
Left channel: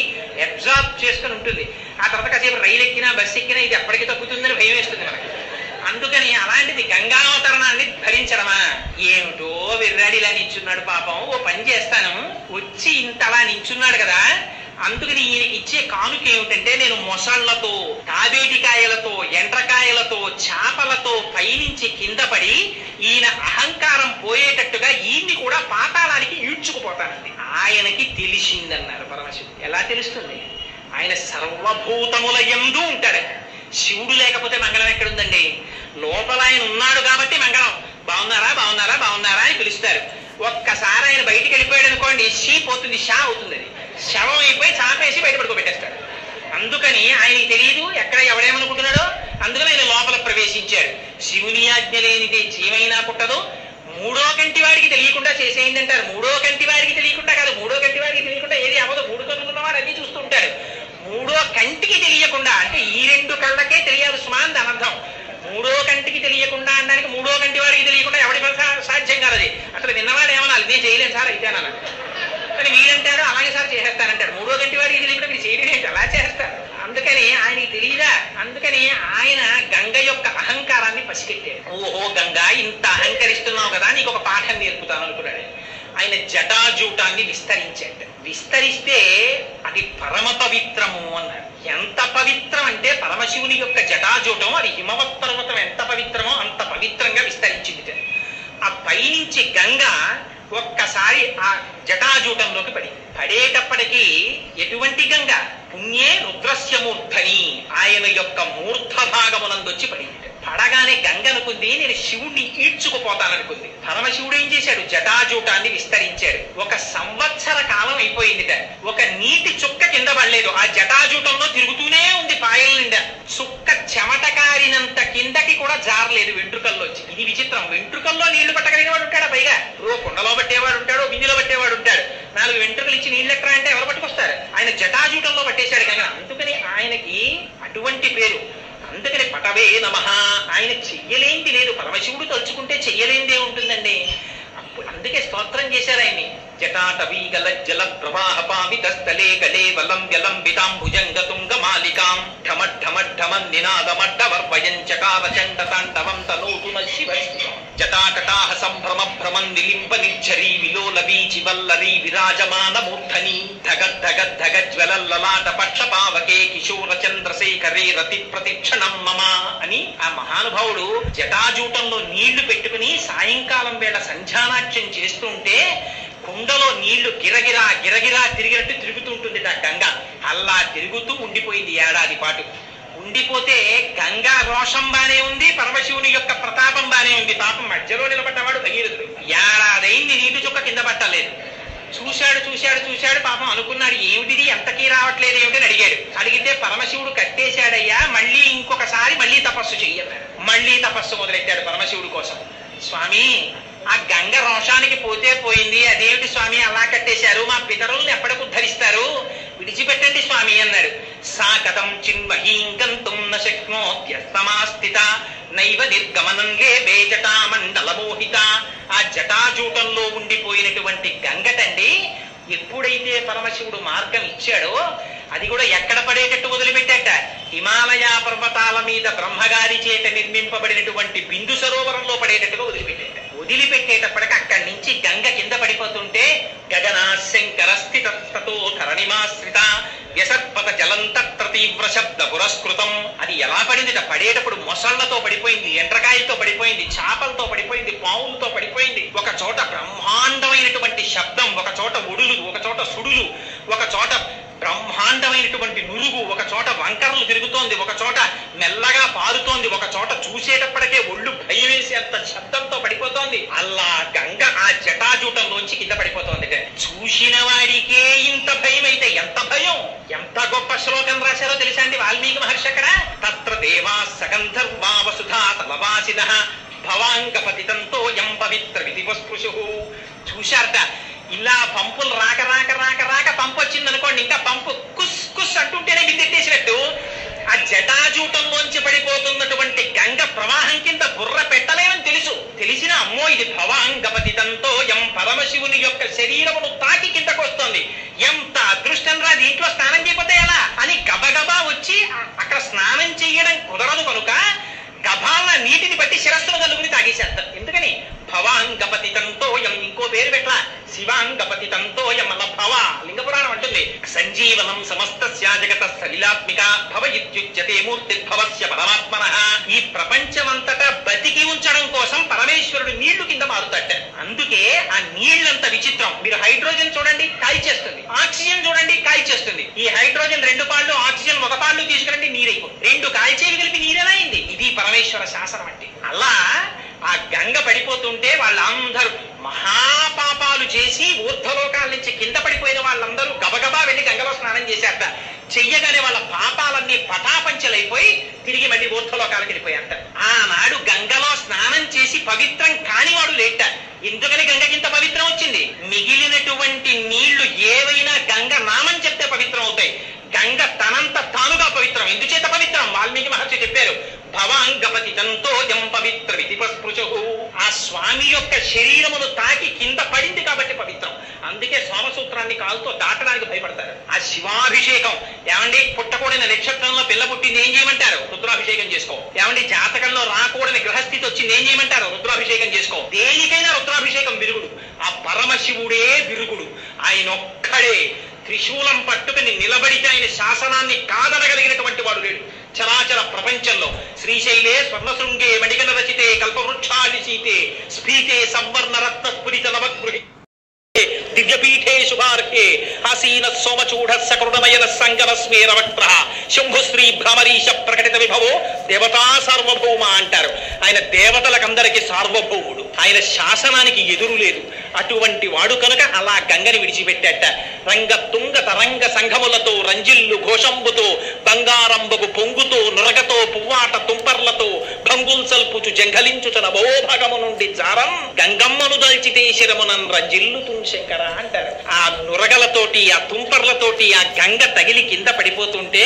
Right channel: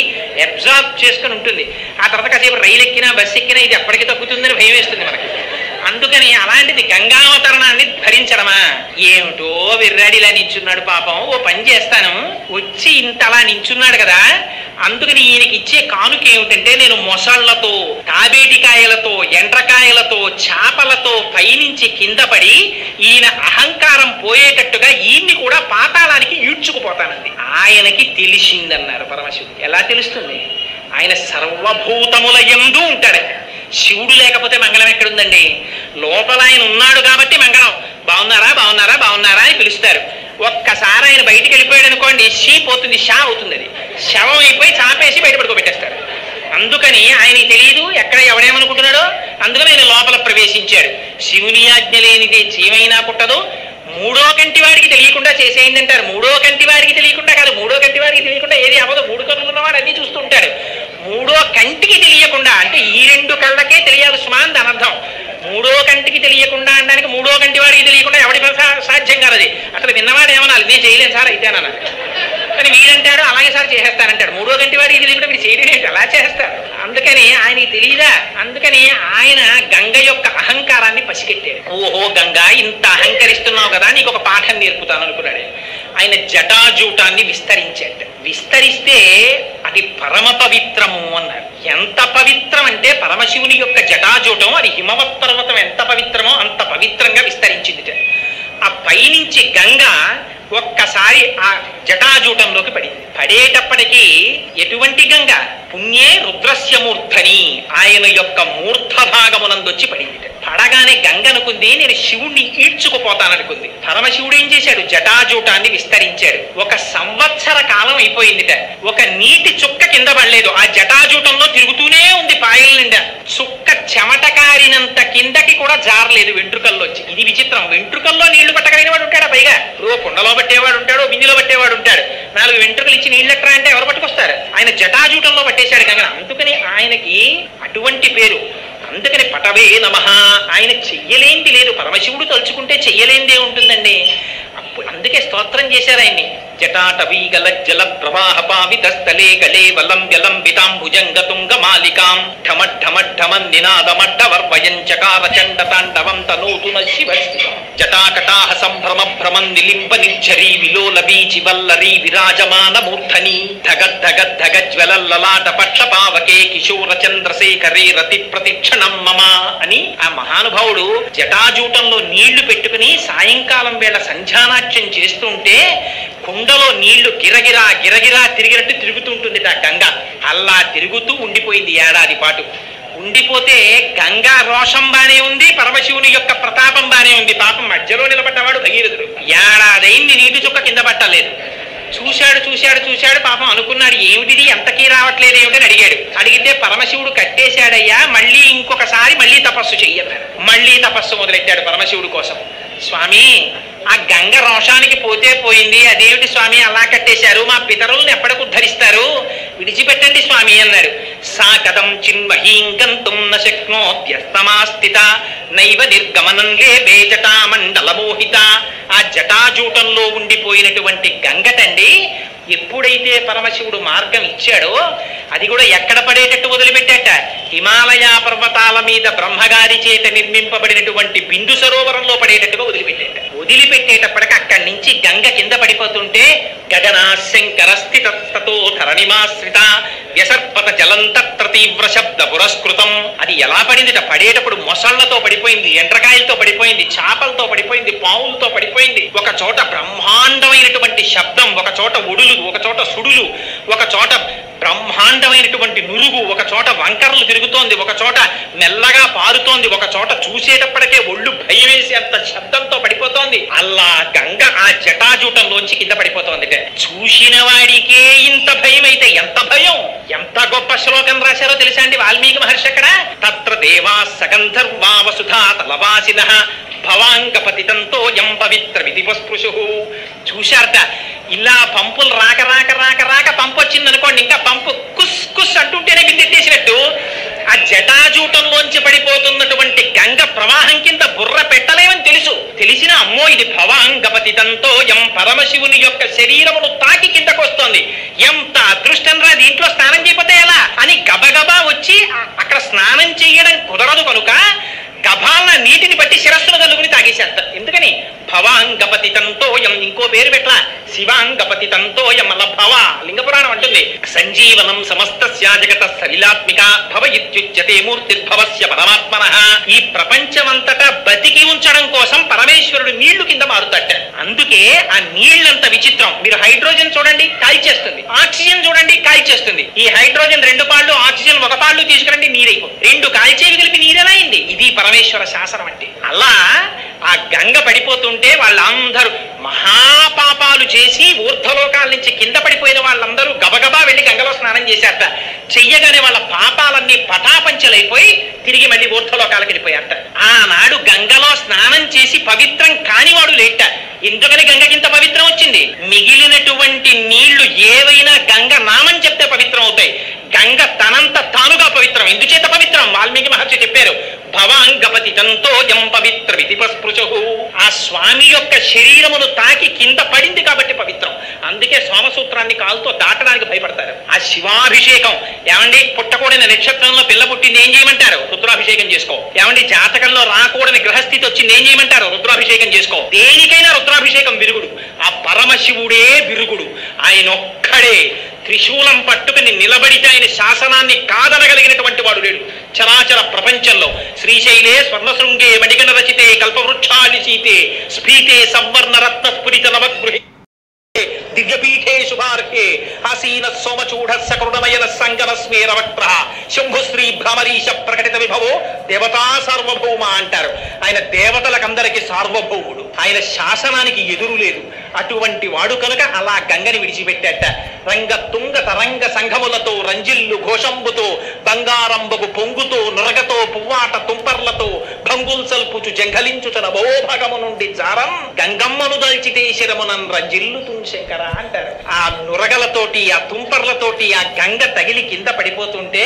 అబ్జార్బ్ చేసుకుని ఉంటుంది. ఆ తర్వాత కాసేపు రైలు ఎక్కినా బస్సు ఎక్కినా ఇది ఎప్పటికీ తగ్గుతుందని భయం వేస్తుంది మనకి. అందుకని అలాంటిది గంగావతరణాన్ని ధరించడమా? ఏమిటో విర్రాడిలా నించున్నాడు పాపం. ఓ పని చేస్తాను, వచ్చి ఇంత అలా నించున్నాడు కదా, అందుకని ఈయనకి ఇచ్చే కానుక ఏమిటంటే, నేను మొసళ్లతో, తాబేటికాయలతో, ఎండ్రకాయలతో, చేపలతో పైనుంచి కింద పడి ఈయన అహంకారం పోయేటట్టుగా ఈయన్ని కూడా పాతాళానికి ఈడ్చుకుపోతానండి. ఆయనకి తెలిసిందన్నారు పరమశివుడు. ఎలా తెలుస్తుంది? ఆయన సర్వభూతముల యందు ఉంటాడట. శివుడు లేకపోతే మంగళం ఎక్కడుందండి? లోపల ఆయన ఉన్నాడు కాబట్టి మంగళం. బాగున్నారా బాగున్నారా బాగున్నారా అని పిలుస్తారు. ఒక్కసారి ఆయన బయటికి వెళ్ళిపోయాడు అనుకోండి, షీ పోతుంది, షా అవుతుంది. అది శవం అయిపోయి చాపేసి బయట పడుకోబెట్టేస్తారు. అందుకని ఆయనకి తెలియదు ఎక్కడ ఎవడేమనుకుంటున్నాడో. అందుకని ఆయన లోపల ప్రవేశించాడు. శివుని ఆజ్ఞ లేనిదే జీవైనా పుట్టదు. 3వ కంటి వాడికి తెలియకుండా చేసేయండి అంటారు. 3వ కంటి వాడికి తెలియకుండా కాదు, 3వ కంటి వాడికి తెలియకుండా ఏది అవ్వదు. 3 కన్నులు ఉన్నవాడు అన్ని చూస్తూ ఉంటాడు. 3వ కంటికి తెలియకుండా అంటే ఈ 2 కళ్ళకే తెలియాలి సుమాన్ దాని అర్థం. 3వ కంటికి తెలియకుండా అనడానికి 3వ కంటి వాడికి తెలియకుండా ఎవడి సాధ్యం కాదు. అది అసలు విన్నవాడు ఏమన్నా నేను చేయలేను సార్ అయితే అన్నాను. కానీ వీడంటాడు అలాగే సార్ చేసేస్తానంటాడు. 3వ కంటి వాడికి తెలియకుండా వీడు చేయడం ఏంటి, అలా చేస్తారు. అందుకని ఆయనకి తెలియదా. అందుకని ఆయన గంగ యొక్క అహంకారాన్ని పసిగట్టాడు. ఓహో గంగా, ఇంత అహంకరిస్తున్నావు కదా, నీకు ఒక పాఠం నేర్పుతాను అనుకున్నాడు. ఆయన జటాజూటాన్ని విస్తరించాడు. విస్తరిస్తే అది పరమ పవిత్రము అన్నారు. ఎంత పవిత్రం అంటే పరమశివుని యొక్క జటాజూటం, అది హిమవత్ పర్వతం ఎంత పవిత్రమో అంత పవిత్రంగా విస్తరించింది. ఆ పైనుంచి గంగ ఒక్కసారి ఆ జటాజూటంలోకి పడింది. పడేటప్పటికీ ఎటువంటి గంగ? పుణ్యే రుద్రస్య మూర్ధని, ఆయన యొక్క మూర్ధ భాగమునందొచ్చి పడింది. పడగానే గంగ అనుకుంది నేను శివుణ్ణి ఈడ్చుకుపోతాననుకుంది. పరమశివుడు ఏం చేశాడు? జటాజూటాన్ని విస్తరించాడు. 1 సంవత్సర కాలం అయిపోయిందిట. ఒక నీటి చుక్క కింద పడలేదు. ఆ జటాజూటంలో తిరుగుతూనే ఉంది పాయల నిండా. చుక్క చెమట కారినంత కిందకి కూడా జారలేదు వెంట్రుకల్లోంచి. ఇది విచిత్రం. వెంట్రుకల్లో నీళ్లు పట్టగలిగిన వాడు ఉంటాడా? పైగా కుండలో పట్టేవాడు ఉంటాడు, బిందులో పట్టేవాడు ఉంటాడు. 4 వెంట్రుకలు ఇచ్చి నీళ్ళు ఎక్కరా అంటే ఎవరు పట్టుకొస్తారు? ఆయన జటాజూటంలో పట్టేశాడు గంగ. అందుకని ఆయనకి అటువంటి పేరు. అందుకని పటవే నమః. ఆయన చెయ్యలేంది లేదు. పరమశివుడు తలుచుకుంటే చెయ్యలేందే ఉంటుందండి. అందుకే స్తోత్రం చేశారు ఆయన్ని. జటాటవీ గల జల ప్రవాహ పావిత స్థలే గలే వలం వ్యలంబితాం భుజంగ తుంగ మాలికాం ఢమఢమఢమన్ నినాదమడ్డవర్వయం చకార చండ తాండవం తనూతున శివ జటాకటాహ సంభ్రమ భ్రమం నిలింప నిర్ఝరీ విలోల బీచి వల్లరీ విరాజమాన మూర్ధని ధగద్ధగద్ధగ జ్వలల్లలాట పక్ష పావకే కిశోర చంద్రశేఖరే రతి ప్రతిక్షణం మమ అని ఆ మహానుభావుడు జటాజూటంలో నీళ్లు పెట్టుకుని సాయంకాలం వేళ సంధ్యానాట్యం చేస్తుంటే కుండలో నీళ్లు గిరగిరా గిరగిరా తిరిగినట్టు తిరుగుతుంటుంది ఆ గంగ. అలా తిరుగుతూ ఉండిపోయింది ఏడాది పాటు. ఉండిపోతే గంగా రోషం బానే ఉంది, పరమశివుని యొక్క ప్రతాపం బానే ఉంది. పాపం మధ్యలో నిలబడ్డవాడు భగీరథుడు. ఏడాదైంది నీటి చుక్క కింద పట్టలేదు. చూశాడు చూశాడు చూశాడు. పాపం అనుకున్నాడు ఏమిటిది ఎంతకీ రావట్లేదు ఏమిటని అడిగాడు. అడిగితే పరమశివుడు కట్టేశాడయ్యా, మళ్ళీ ఇంకొకసారి మళ్ళీ తపస్సు చెయ్యన్నాడు. మళ్ళీ తపస్సు మొదలెట్టాడు పరమశివుడి కోసం. స్వామి, ఆ గంగ రోషానికి పోతే పోయింది, అదేమిటి స్వామి అలా కట్టేశారు? మా పితరుల్ని ఎప్పటికి ఉద్ధరిస్తారు? విడిచిపెట్టండి స్వామి అన్నాడు. సా కథం చిన్మహీం గంతుం న శక్నోత్యస్తమాస్థిత నైవ నిర్గమనం లేబే జటామండల మోహిత. ఆ జటాజూటంలో ఉండిపోయినటువంటి గంగటండి ఎప్పుడైతే పరమశివుడు మార్గం ఇచ్చాడో అది కూడా ఎక్కడ పడేటట్టు వదిలిపెట్టాట? హిమాలయ పర్వతాల మీద బ్రహ్మగారి చేత నిర్మింపబడినటువంటి బిందు సరోవరంలో పడేటట్టుగా వదిలిపెట్టేటప్పటికి అక్కడి నుంచి గంగ కింద పడిపోతుంటే గగనా శంకర స్థితతో ధరణిమాశ్రిత వ్యసర్పత జలంతత్ర తీవ్ర శబ్ద పురస్కృతం. అది ఎలా పడిందిట? పడేటప్పుడు మొసళ్లతో పడిపోయింది, ఎండ్రకాయలతో పడిపోయింది, చేపలతో పడిపోయింది, పావులతో పడిపోయింది. ఒక చోట బ్రహ్మాండమైనటువంటి శబ్దం, ఒక చోట ఒడులు, ఒక చోట సుడులు, ఒక చోట బ్రహ్మాండమైనటువంటి నురుగు, ఒక చోట వంకరలు తిరుగుతోంది, ఒక చోట మెల్లగా పారుతోంది, ఒక చోట చూసేటప్పటికే ఒళ్ళు భయం వేసి అంత శబ్దంతో పడిపోతోంది. అలా గంగ ఆ జటాజూటంలోంచి కింద పడిపోతోంది. చూసిన వాడికే ఇంత భయం అయితే ఎంత భయం! ఎంత గొప్ప శ్లోకం రాశారో తెలుసా అండి వాల్మీకి మహర్షి అక్కడ. తత్ర దేవా సగంధర్వా వసుధా తలవాసినః భవాంగపతితంతో యం పవిత్ర విధిపస్పృశు. చూశారట, ఇలా పంపులు రాక రాక రాక రాక పంపు వచ్చింది అనుకోండి, ఇంకా పంపు కుస్ కుస్ అంటుంటేనే బిందెట్టేసినట్టు ఆ జటాజూటంలోంచి పడిపోతున్నటువంటి గంగ ప్రవాహం కింద బుర్ర పెట్టలేమని తెలిసిన అమ్మో ఇది భవాంగపతితంతో యం పరమశివుని యొక్క శరీరమును తాకి కిందకొస్తోంది, ఎంత అదృష్టం రా, దీంట్లో స్నానం చేయకపోతే ఎలా అని గబగబా వచ్చి అక్కడ స్నానం చేయడం కుదరదు కనుక గభాల నీటిని బట్టి శిరస్సును కలుగుని తాగేసేస్తారు. ఎందుకని? భవాంగపతితంతో యం, ఇంకో పేరు పెట్టలా, శివాంగపతితంతో యం. అలా భవ లింగపురాణం అంటుంది సంజీవనం సమస్తస్య జగత సలిలాత్మిక భవ ఇత్యుచ్యతే మూర్తిర్భవస్య పరమాత్మనః. ఈ ప్రపంచమంతటా బతికి ఉంచడం కోసం పరమేశ్వరుడు నీళ్లు కింద మారుతాట. అందుకే ఆ నీళ్ళంత విచిత్రం. మీరు హైడ్రోజన్ చూడండి కాల్చేస్తుంది, ఆక్సిజన్ చూడండి కాల్చేస్తుంది. ఈ హైడ్రోజన్ 2 పాళ్ళు, ఆక్సిజన్ 1 పాళ్ళు తీసుకురండి నీరైపోతుంది. 2 కాల్చేవి కలిపి నీరెలా అయింది? ఇది పరమేశ్వర శాసనం అంటే. అలా ఆ గంగ పడిపోతుంటే వాళ్ళందరూ మహాపాపాలు చేసి ఊర్ధ్వలోకాల నుంచి కింద పడిపోయిన వాళ్ళందరూ గబగబా వెళ్లి గంగలో స్నానం చేశారట. చెయ్యగానే వాళ్ళ పాపాలన్నీ పటాపంచలైపోయి తిరిగి మళ్ళీ ఊర్ధ్వలోకాలకు వెళ్ళిపోయారట. ఆనాడు గంగలో స్నానం చేసి పవిత్రం కానివాడు లేట. ఎందుకని గంగకింత పవిత్రం వచ్చింది? మిగిలినటువంటి నీళ్లు ఏవైనా గంగ నామం చెప్తే పవిత్రం అవుతాయి. గంగ తనంత తానుగా పవిత్రం. ఎందుచేత పవిత్రం? వాల్మీకి మహర్షి చెప్పారు భవాంగపతితంతో యం పవిత్ర విధిపస్పృశు. ఆ స్వామి యొక్క శరీరమును తాకి కింద పడింది కాబట్టి పవిత్రం. అందుకే సోమసూత్రాన్ని కాలుతో దాటడానికి భయపడతారు. ఆ శివాభిషేకం ఏమండి, పుట్టకూడని నక్షత్రంలో పిల్ల పుట్టింది ఏం చేయమంటారు? రుద్రాభిషేకం చేసుకో. ఏమండి, జాతకంలో రాకూడని గ్రహస్థితి వచ్చింది ఏం చేయమంటారు? రుద్రాభిషేకం చేసుకో. దేనికైనా రుద్రాభిషేకం విరుగుడు. ఆ పరమశివుడే విరుగుడు. ఆయన ఒక్కడే త్రిశూలం పట్టుకుని నిలబడితే ఆయన శాసనాన్ని కాదనగలిగినటువంటి వాడు లేడు చరాచర ప్రపంచంలో. శ్రీశైలే స్వర్ణశృంగే మణిగణ రచితే కల్పవృక్షాది సీతే స్ఫీతే సంవర్ణ రత్న స్ఫురిత నవగృహే దివ్యపీఠే శుభార్హే ఆసీన సోమచూఢ సకృణమయన సంగమ స్మేరవక్త్ర శంభుశ్రీ భ్రమరీశ ప్రకటిత విభవో దేవతా సార్వభౌమ అంటారు. ఆయన దేవతలకందరికీ సార్వభౌముడు. ఆయన శాసనానికి ఎదురు లేదు. అటువంటి వాడు కనుక అలా గంగని విడిచిపెట్టాట. రంగ తుంగ తరంగ సంఘములతో రంజిల్లు ఘోషంబుతో బంగారంబగు పొంగుతో నురగతో పువ్వాట తుంపర్లతో భంగుల్సల్పుచు జంఘలించుతన భోభగము నుండి జారం గంగమ్మను దల్చితే శిరమునన్ రంజిల్లు శంకర అంటారు. ఆ నురగలతోటి ఆ తుంపర్లతోటి ఆ గంగ తగిలి కింద పడిపోతుంటే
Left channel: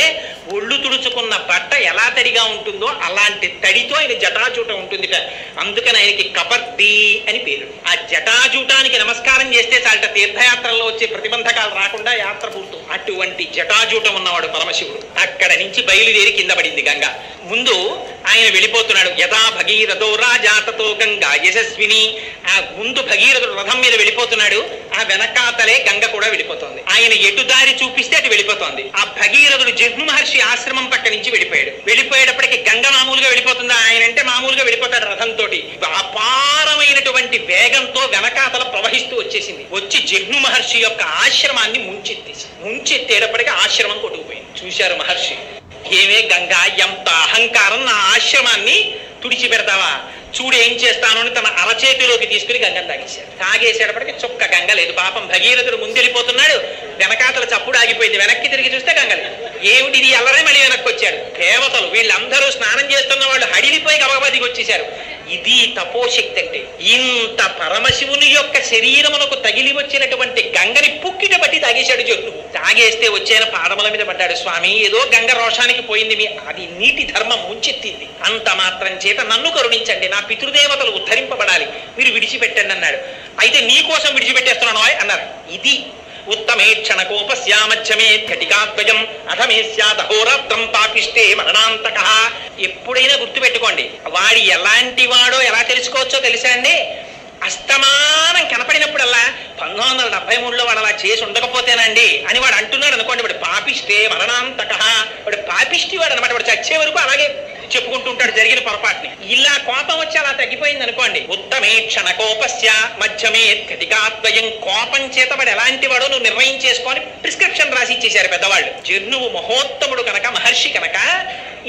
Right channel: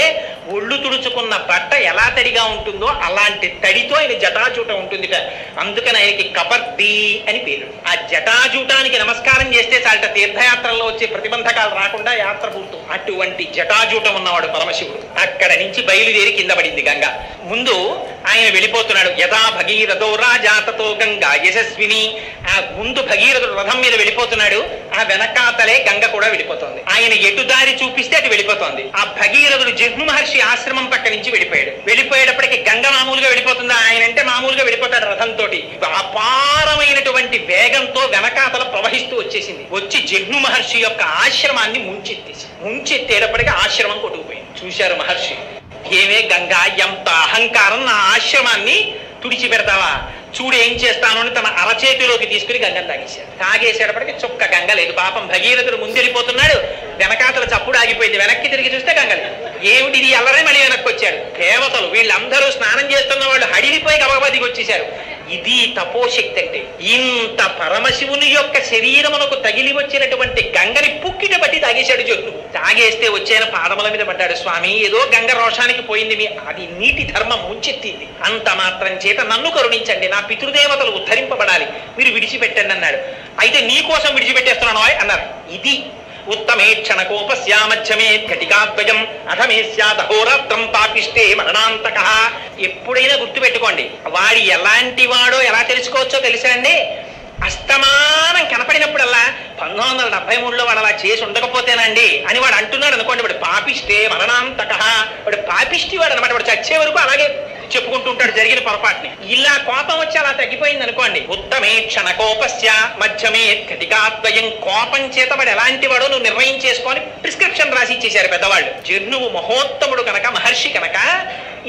ఒళ్ళు తుడుచుకున్న బట్ట ఎలా తడిగా ఉంటుందో అలాంటి తడితో ఆయన జటాజూట ఉంటుందిట. అందుకని ఆయనకి కబర్దీ అని పేరు. ఆ జటాజూటానికి నమస్కారం చేస్తే చాలట తీర్థయాత్రల్లో వచ్చే ప్రతిబంధకాలు రాకుండా యాత్ర పూర్తం. అటువంటి జటాజూటం ఉన్నవాడు పరమశివుడు. అక్కడ నుంచి బయలుదేరి కింద పడింది గంగ. ముందు ఆయన వెళ్ళిపోతున్నాడు. యథా భగీరథో రాజాతతో గంగా యశస్విని. ఆ ముందు భగీరథుడు రథం మీద వెళ్ళిపోతున్నాడు. ఆ వెనకాతలే గంగ కూడా వెళ్ళిపోతుంది. ఆయన ఎటు దారి చూపిస్తే అటు వెళ్ళిపోతుంది. ఆ భగీరథుడు జిహ్ను మహర్షి ఆశ్రమం పక్క నుంచి వెళ్ళిపోయాడు. వెళ్ళిపోయేటప్పటికి గంగ మామూలుగా వెళ్ళిపోతుందా? ఆయన అంటే మామూలుగా వెళ్ళిపోతాడు రథంతో. అపారమైనటువంటి వేగంతో వెనకాతల ప్రవహిస్తూ వచ్చేసింది. వచ్చి జిహ్ను మహర్షి యొక్క ఆశ్రమాన్ని ముంచెత్తేటప్పటికి ఆశ్రమం కొట్టుకుపోయింది. చూశారు మహర్షి, ఏమే గంగా, ఎంత అహంకారం, నా ఆశ్రమాన్ని తుడిచిపెడతావా? చూడు ఏం చేస్తాను అని తన అరచేతిలోకి తీసుకుని గంగను తాగేశాడు. తాగేసేటప్పటికి చుక్క గంగ లేదు. పాపం భగీరథుడు ముందెళ్ళిపోతున్నాడు. వెనకాతల చప్పుడు ఆగిపోయింది. వెనక్కి తిరిగి చూస్తే గంగ లేదు. ఏమిటి అల్లరే మళ్ళీ వెనక్కి వచ్చాడు. దేవతలు వీళ్ళందరూ స్నానం చేస్తున్న వాళ్ళు హడిలిపోయి గబగబా దిగి వచ్చేశారు. ఇది తపోశక్తి అంటే. ఇంత పరమశివుని యొక్క శరీరమునకు తగిలి వచ్చినటువంటి గంగని పుక్కిట బట్టి తాగేశాడు జగ్నువు. తాగేస్తే వచ్చేన పాదముల మీద పడ్డాడు. స్వామి, ఏదో గంగ రోషానికి పోయింది, అది నీటి ధర్మం ముంచెత్తింది. అంత మాత్రం చేత నన్ను కరుణించండి, నా పితృదేవతలు ఉద్ధరింపబడాలి, మీరు విడిచిపెట్టండి అన్నాడు. అయితే నీ కోసం విడిచిపెట్టేస్తున్నాను అన్నారు. ఇది ఉత్తమేక్షణ కోపస్యామధ్యమే ఘటికాద్వయం అధమే స్యాదహోరాత్రం పాపిష్టే మరణాంతక. ఎప్పుడైనా గుర్తుపెట్టుకోండి, వాడు ఎలాంటి వాడో ఎలా తెలుసుకోవచ్చో తెలుసా అండి? అస్తమానం కనపడినప్పుడల్లా 1973లో వాడు అలా చేసి ఉండకపోతేనండి అని వాడు అంటున్నాడు అనుకోండి, వాడు పాపిష్టే మరణాంతక, వాడు పాపిష్టి వాడు అనమాట. వాడు చచ్చే వరకు అలాగే చెప్పుకుంటూ ఉంటాడు జరిగిన పొరపాటుని. ఇలా కోపం వచ్చి అలా తగ్గిపోయింది అనుకోండి. ఉత్తమే క్షణ కోపస్య మధ్యమే ఘటికాద్వయం. కోపం చేత వాడు ఎలాంటి వాడో నువ్వు నిర్ణయం చేసుకొని ప్రిస్క్రిప్షన్ రాసి ఇచ్చేశారు పెద్దవాళ్ళు. జర్నువు మహోత్తముడు కనుక, మహర్షి కనుక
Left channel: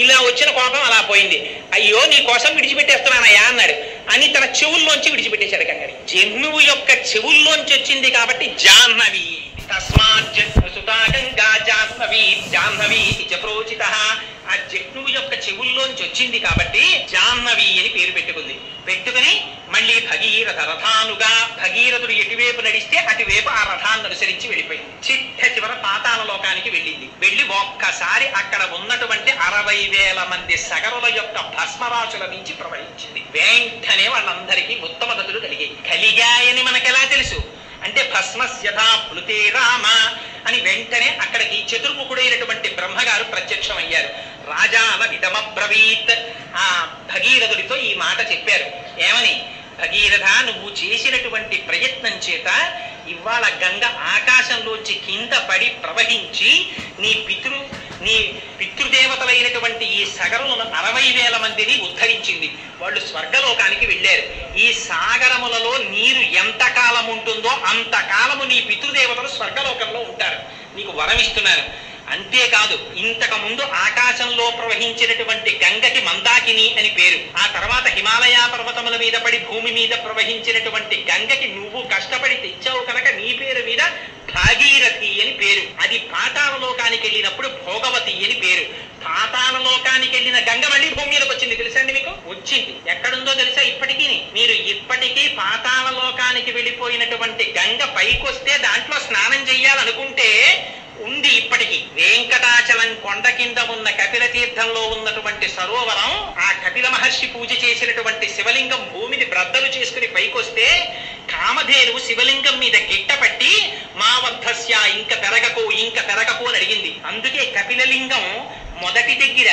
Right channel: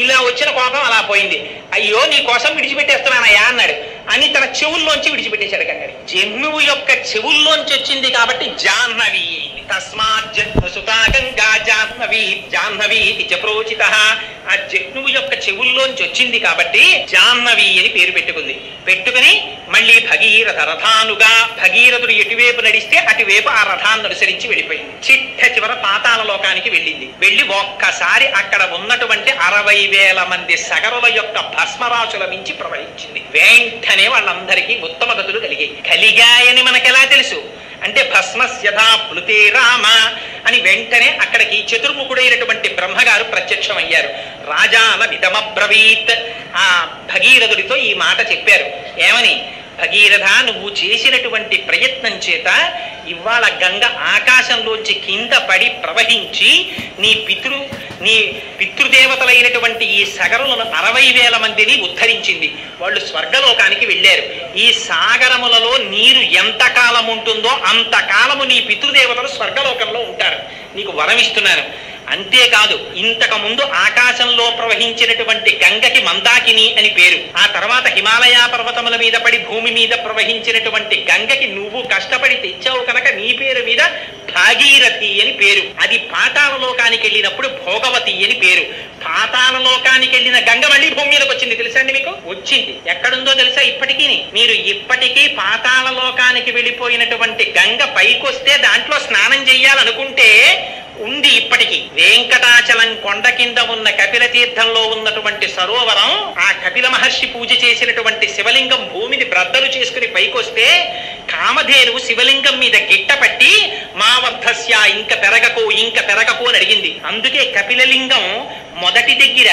ఇలా వచ్చిన కోపం అలా పోయింది. అయ్యో నీ కోసం విడిచిపెట్టేస్తున్నానయ్యా అన్నాడు అని తన చెవుల్లోంచి విడిచిపెట్టేశాడు గంగని. జన్నువు యొక్క చెవుల్లోంచి వచ్చింది కాబట్టి జాహ్నవి. తస్మాత్ జహ్నుసుతా గంగా జాహ్నవి జాహ్నవి ప్రోచిత. ఆ జహ్నువు యొక్క చెవుల్లోంచి వచ్చింది కాబట్టి జాహ్నవి అని పేరు పెట్టుకుంది. పెట్టుకుని మళ్ళీ భగీరథ రథానుగా, భగీరథుడు ఎటువైపు నడిస్తే అటువైపు ఆ రథాన్ని అనుసరించి వెళ్ళిపోయింది. చిట్ట చివర పాతాళ లోకానికి వెళ్ళింది. వెళ్ళి ఒక్కసారి అక్కడ ఉన్నటువంటి 60,000 మంది సగరుల యొక్క భస్మరాశుల నుంచి ప్రవహించింది. వెంటనే వాళ్ళందరికీ ఉత్తమ గతులు కలిగాయని మనకెలా తెలుసు అంటే భస్మస్యథా ప్లుతే రామ అని వెంటనే అక్కడికి చతుర్ముఖుడైనటువంటి బ్రహ్మగారు ప్రత్యక్షమయ్యారు. రాజాన నిదమబ్రవీత్. ఆ భగీరథుడితో ఈ మాట చెప్పారు. ఏమని? భగీరథ, నువ్వు చేసినటువంటి ప్రయత్నం చేత ఇవాళ గంగ ఆకాశంలోంచి కింద పడి ప్రవహించి నీ పితృదేవతలైనటువంటి ఈ సగరులను 60,000 మందిని ఉద్ధరించింది. వాళ్ళు స్వర్గలోకానికి వెళ్ళారు. ఈ సాగరములలో నీరు ఎంతకాలం ఉంటుందో అంతకాలము నీ పితృదేవతలు స్వర్గలోకంలో ఉంటారు. నీకు వరం ఇస్తున్నాను. అంతేకాదు, ఇంతకు ముందు ఆకాశంలో ప్రవహించినటువంటి గంగకి మందాకిని అని పేరు. ఆ తర్వాత హిమాలయ పర్వతముల మీద పడి భూమి మీద ప్రవహించినటువంటి గంగకి నువ్వు కష్టపడి తెచ్చావు కనుక నీ పేరు మీద భాగీరథి అని పేరు. అది పాతాళ లోకానికి వెళ్ళినప్పుడు భోగవతి అని పేరు. పాతాళ లోకానికి వెళ్ళిన గంగ మళ్ళీ భూమి మీదకి వచ్చింది. తెలుసా అండి మీకు? వచ్చింది. ఎక్కడుందో తెలుసా? ఇప్పటికీ మీరు ఇప్పటికీ పాతాళ లోకానికి వెళ్ళిపోయినటువంటి గంగ పైకొస్తే దాంట్లో స్నానం చెయ్యాలనుకుంటే ఉంది. ఇప్పటికీ వెంకటాచలం కొండ కింద ఉన్న కపిల తీర్థంలో ఉన్నటువంటి సరోవరం, ఆ కపిల మహర్షి పూజ చేసినటువంటి శివలింగం భూమిని బ్రద్దలు చేసుకుని పైకొస్తే కామధేనువు శివలింగం మీద గిట్టపట్టి మా వర్ధస్య ఇంక పెరగకు అని అడిగింది. అందుకే కపిలలింగం మొదటి దగ్గర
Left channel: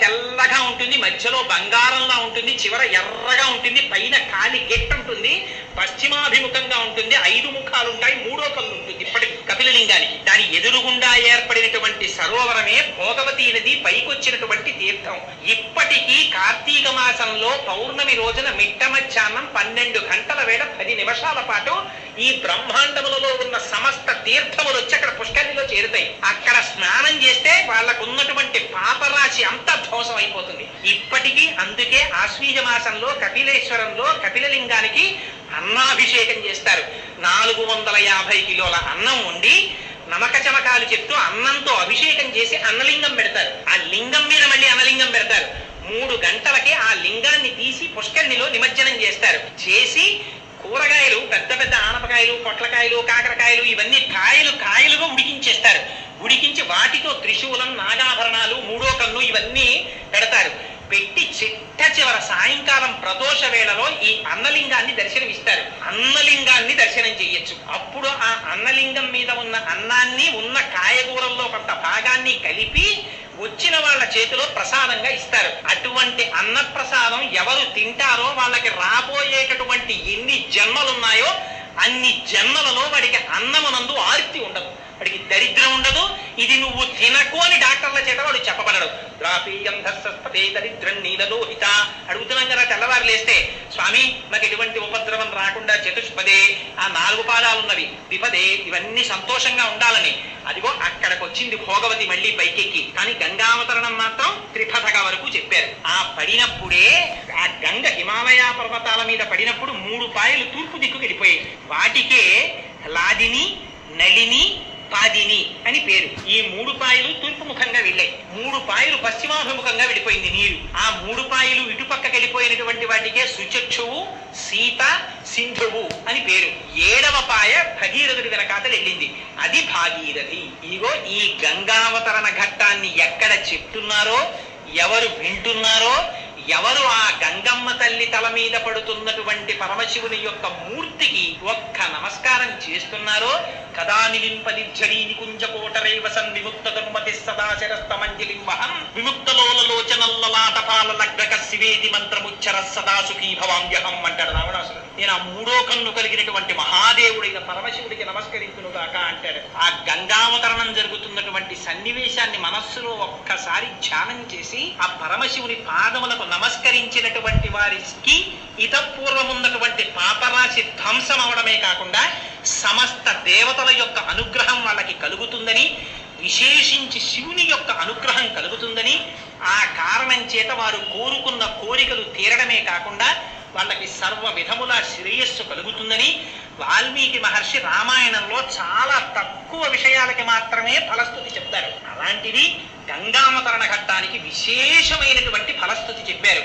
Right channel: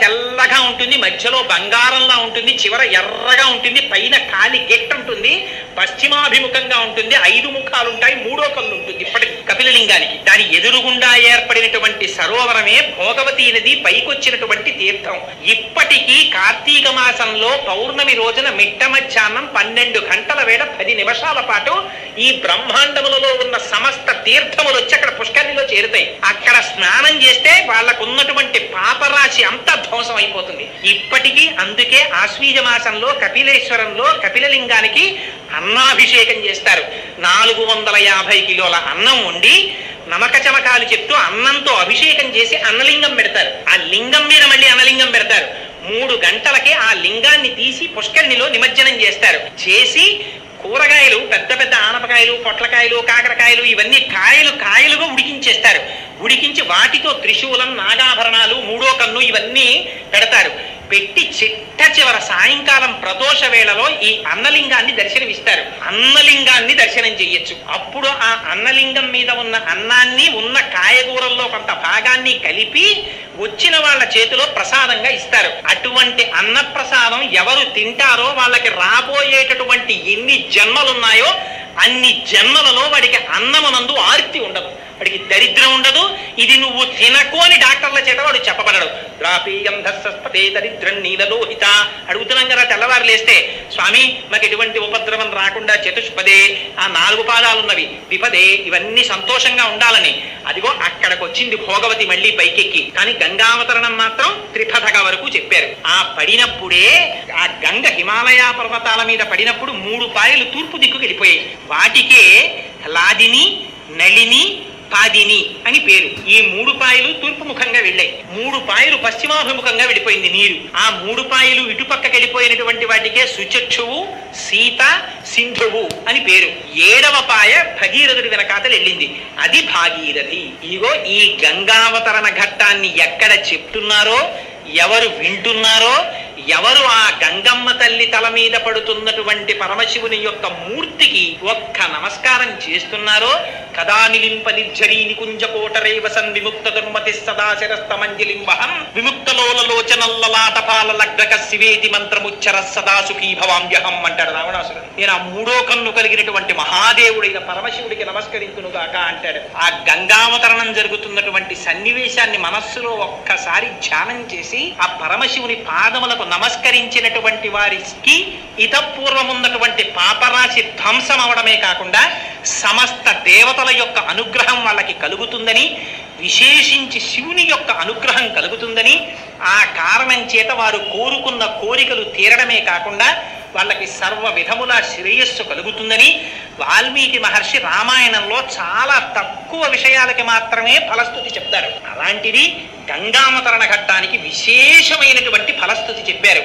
తెల్లగా ఉంటుంది, మధ్యలో బంగారంలా ఉంటుంది, చివర ఎర్రగా ఉంటుంది, పైన కాలి గిట్ట ఉంటుంది, పశ్చిమాభిముఖంగా ఉంటుంది, 5 ముఖాలుంటాయి, 3వ కళ్ళు ఉంటుంది. ఇప్పటి కపిలలింగానికి దాని ఎదురుగుండా ఏర్పడినటువంటి సరోవరమే భోగవతి నది పైకొచ్చినటువంటి తీర్థం. ఇప్పటికీ కార్తీక మాసంలో పౌర్ణమి రోజున మిట్ట మధ్యాహ్నం 12 గంటల వేళ 10 నిమిషాల పాటు ఈ బ్రహ్మాండములలో ఉన్న సమస్త తీర్థములు వచ్చి అక్కడ పుష్కరిణిలో చేరుతాయి. అక్కడ స్నానం చేస్తే వాళ్ళకున్నటువంటి పాపరాశి అంతా ధ్వంసం అయిపోతుంది. ఇప్పటికీ అందుకే ఆశ్వీజ మాసంలో కపిలేశ్వరంలో కపిలలింగానికి అన్నాభిషేకం చేస్తారు. 450 కిలోల అన్నం వండి నమక చమకాలు చెప్తూ అన్నంతో అభిషేకం చేసి అన్నలింగం పెడతారు. ఆ లింగం మీద మళ్ళీ అన్నలింగం పెడతారు. 3 గంటలకే ఆ లింగాన్ని తీసి పుష్కరిణిలో నిమజ్జనం చేస్తారు. చేసి కూరగాయలు, పెద్ద పెద్ద ఆనపకాయలు, పొట్లకాయలు, కాకరకాయలు, ఇవన్నీ కాయలుగా ఉడికించేస్తారు. ఉడికించి వాటితో త్రిశూలం, నాగాభరణాలు, 3వ కన్ను ఇవన్నీ పెడతారు. పెట్టి చిట్ట చివర సాయంకాలం ప్రదోష వేళలో ఈ అన్నలింగాన్ని దర్శనమిస్తారు. అన్నలింగాన్ని దర్శనం చెయ్యొచ్చు. అప్పుడు ఆ అన్నలింగం మీద ఉన్న అన్నాన్ని ఉన్న కాయగూరల్లో కొంత భాగాన్ని కలిపి వచ్చిన వాళ్ళ చేతిలో ప్రసాదంగా ఇస్తారు. అటువంటి అన్న ప్రసాదం ఎవరు తింటారో వాళ్ళకి రాబోయేటటువంటి ఎన్ని జన్మలున్నాయో అన్ని జన్మలలో వాడికి అన్నమునందు ఆర్తి ఉండదు, వాడికి దరిద్రం ఉండదు. ఇది నువ్వు తినకు అని డాక్టర్ల చేత వాడు చెప్పబడడు. ద్రాపీయం ధస్సస్పతే దరిద్రం నీలలోహిత. అడుగుతున్నాం కదా తెల్లవారు లేస్తే, స్వామి మాకు ఎటువంటి ఉపద్రవం రాకుండా చతుష్పదే, ఆ 4 పాదాలున్నవి, విపదే, ఇవన్నీ సంతోషంగా ఉండాలని. అదిగో అక్కడికి వచ్చింది భోగవతి మళ్ళీ పైకెక్కి. కానీ గంగావతరణం మాత్రం త్రిపథగా వరకు చెప్పారు. ఆ పడినప్పుడే ఆ గంగ హిమాలయ పర్వతాల మీద పడినప్పుడు 3 పాయలు తూర్పు దిక్కుకు వెళ్ళిపోయాయి. వాటికే లాదిని, నళిని, పాదిని అని పేరు. ఈ 3 పాయలు తూర్పు ముఖంగా వెళ్ళాయి. 3 పాయలు పశ్చిమాభిముఖంగా వెళ్ళిపోయింది నీరు. ఆ 3 పాయలు ఇటుపక్కకి వెళ్ళిపోయినటువంటి వాటికే సుచక్షువు, సీత, సింధువు అని పేరు. 7వ పాయ భగీరథుడి వెనకాతలు వెళ్ళింది, అది భాగీరథి. ఇగో ఈ గంగావతరణ ఘట్టాన్ని ఎక్కడ చెప్తున్నారో, ఎవరు వింటున్నారో, ఎవరు ఆ గంగమ్మ తల్లి తల మీద పడుతున్నటువంటి పరమశివుని యొక్క మూర్తికి ఒక్క నమస్కారం చేస్తున్నారో కదా నిలింప నిర్జరీ నికుంజకోటరే వసన్ విముక్త దుర్మతి సదా శిరస్తమంజలిం వహన్ విముక్తలోలలోచనల్లలాటపాల లగ్రక శివేతి మంత్రముచ్చర సదా సుఖీ భవామ్యహం అంటాడు రావణాసురుడు. నేను ఆ మూడో కన్ను కలిగినటువంటి మహాదేవుడైన పరమశివుడికి నమస్కరించునుగాక అంటాడు. ఆ గంగావతరణం జరుగుతున్నటువంటి సన్నివేశాన్ని మనస్సులో ఒక్కసారి ధ్యానం చేసి ఆ పరమశివుని పాదములకు నమస్కరించినటువంటి వారికి ఇతపూర్వమున్నటువంటి పాపరాశి ధ్వంసం అవడమే కాకుండా సమస్త దేవతల యొక్క అనుగ్రహం వాళ్ళకి కలుగుతుందని, విశేషించి శివుని యొక్క అనుగ్రహం కలుగుతుందని, ఆ కారణం చేత వారు కోరుకున్న కోరికలు తీరడమే కాకుండా వాళ్ళకి సర్వ విధముల శ్రేయస్సు కలుగుతుందని వాల్మీకి మహర్షి రామాయణంలో చాలా తక్కువ విషయాలకి మాత్రమే ఫలస్తుతి చెప్తారు. అలాంటిది గంగావతరణ ఘట్టానికి విశేషమైనటువంటి ఫలస్తుతి చెప్పారు.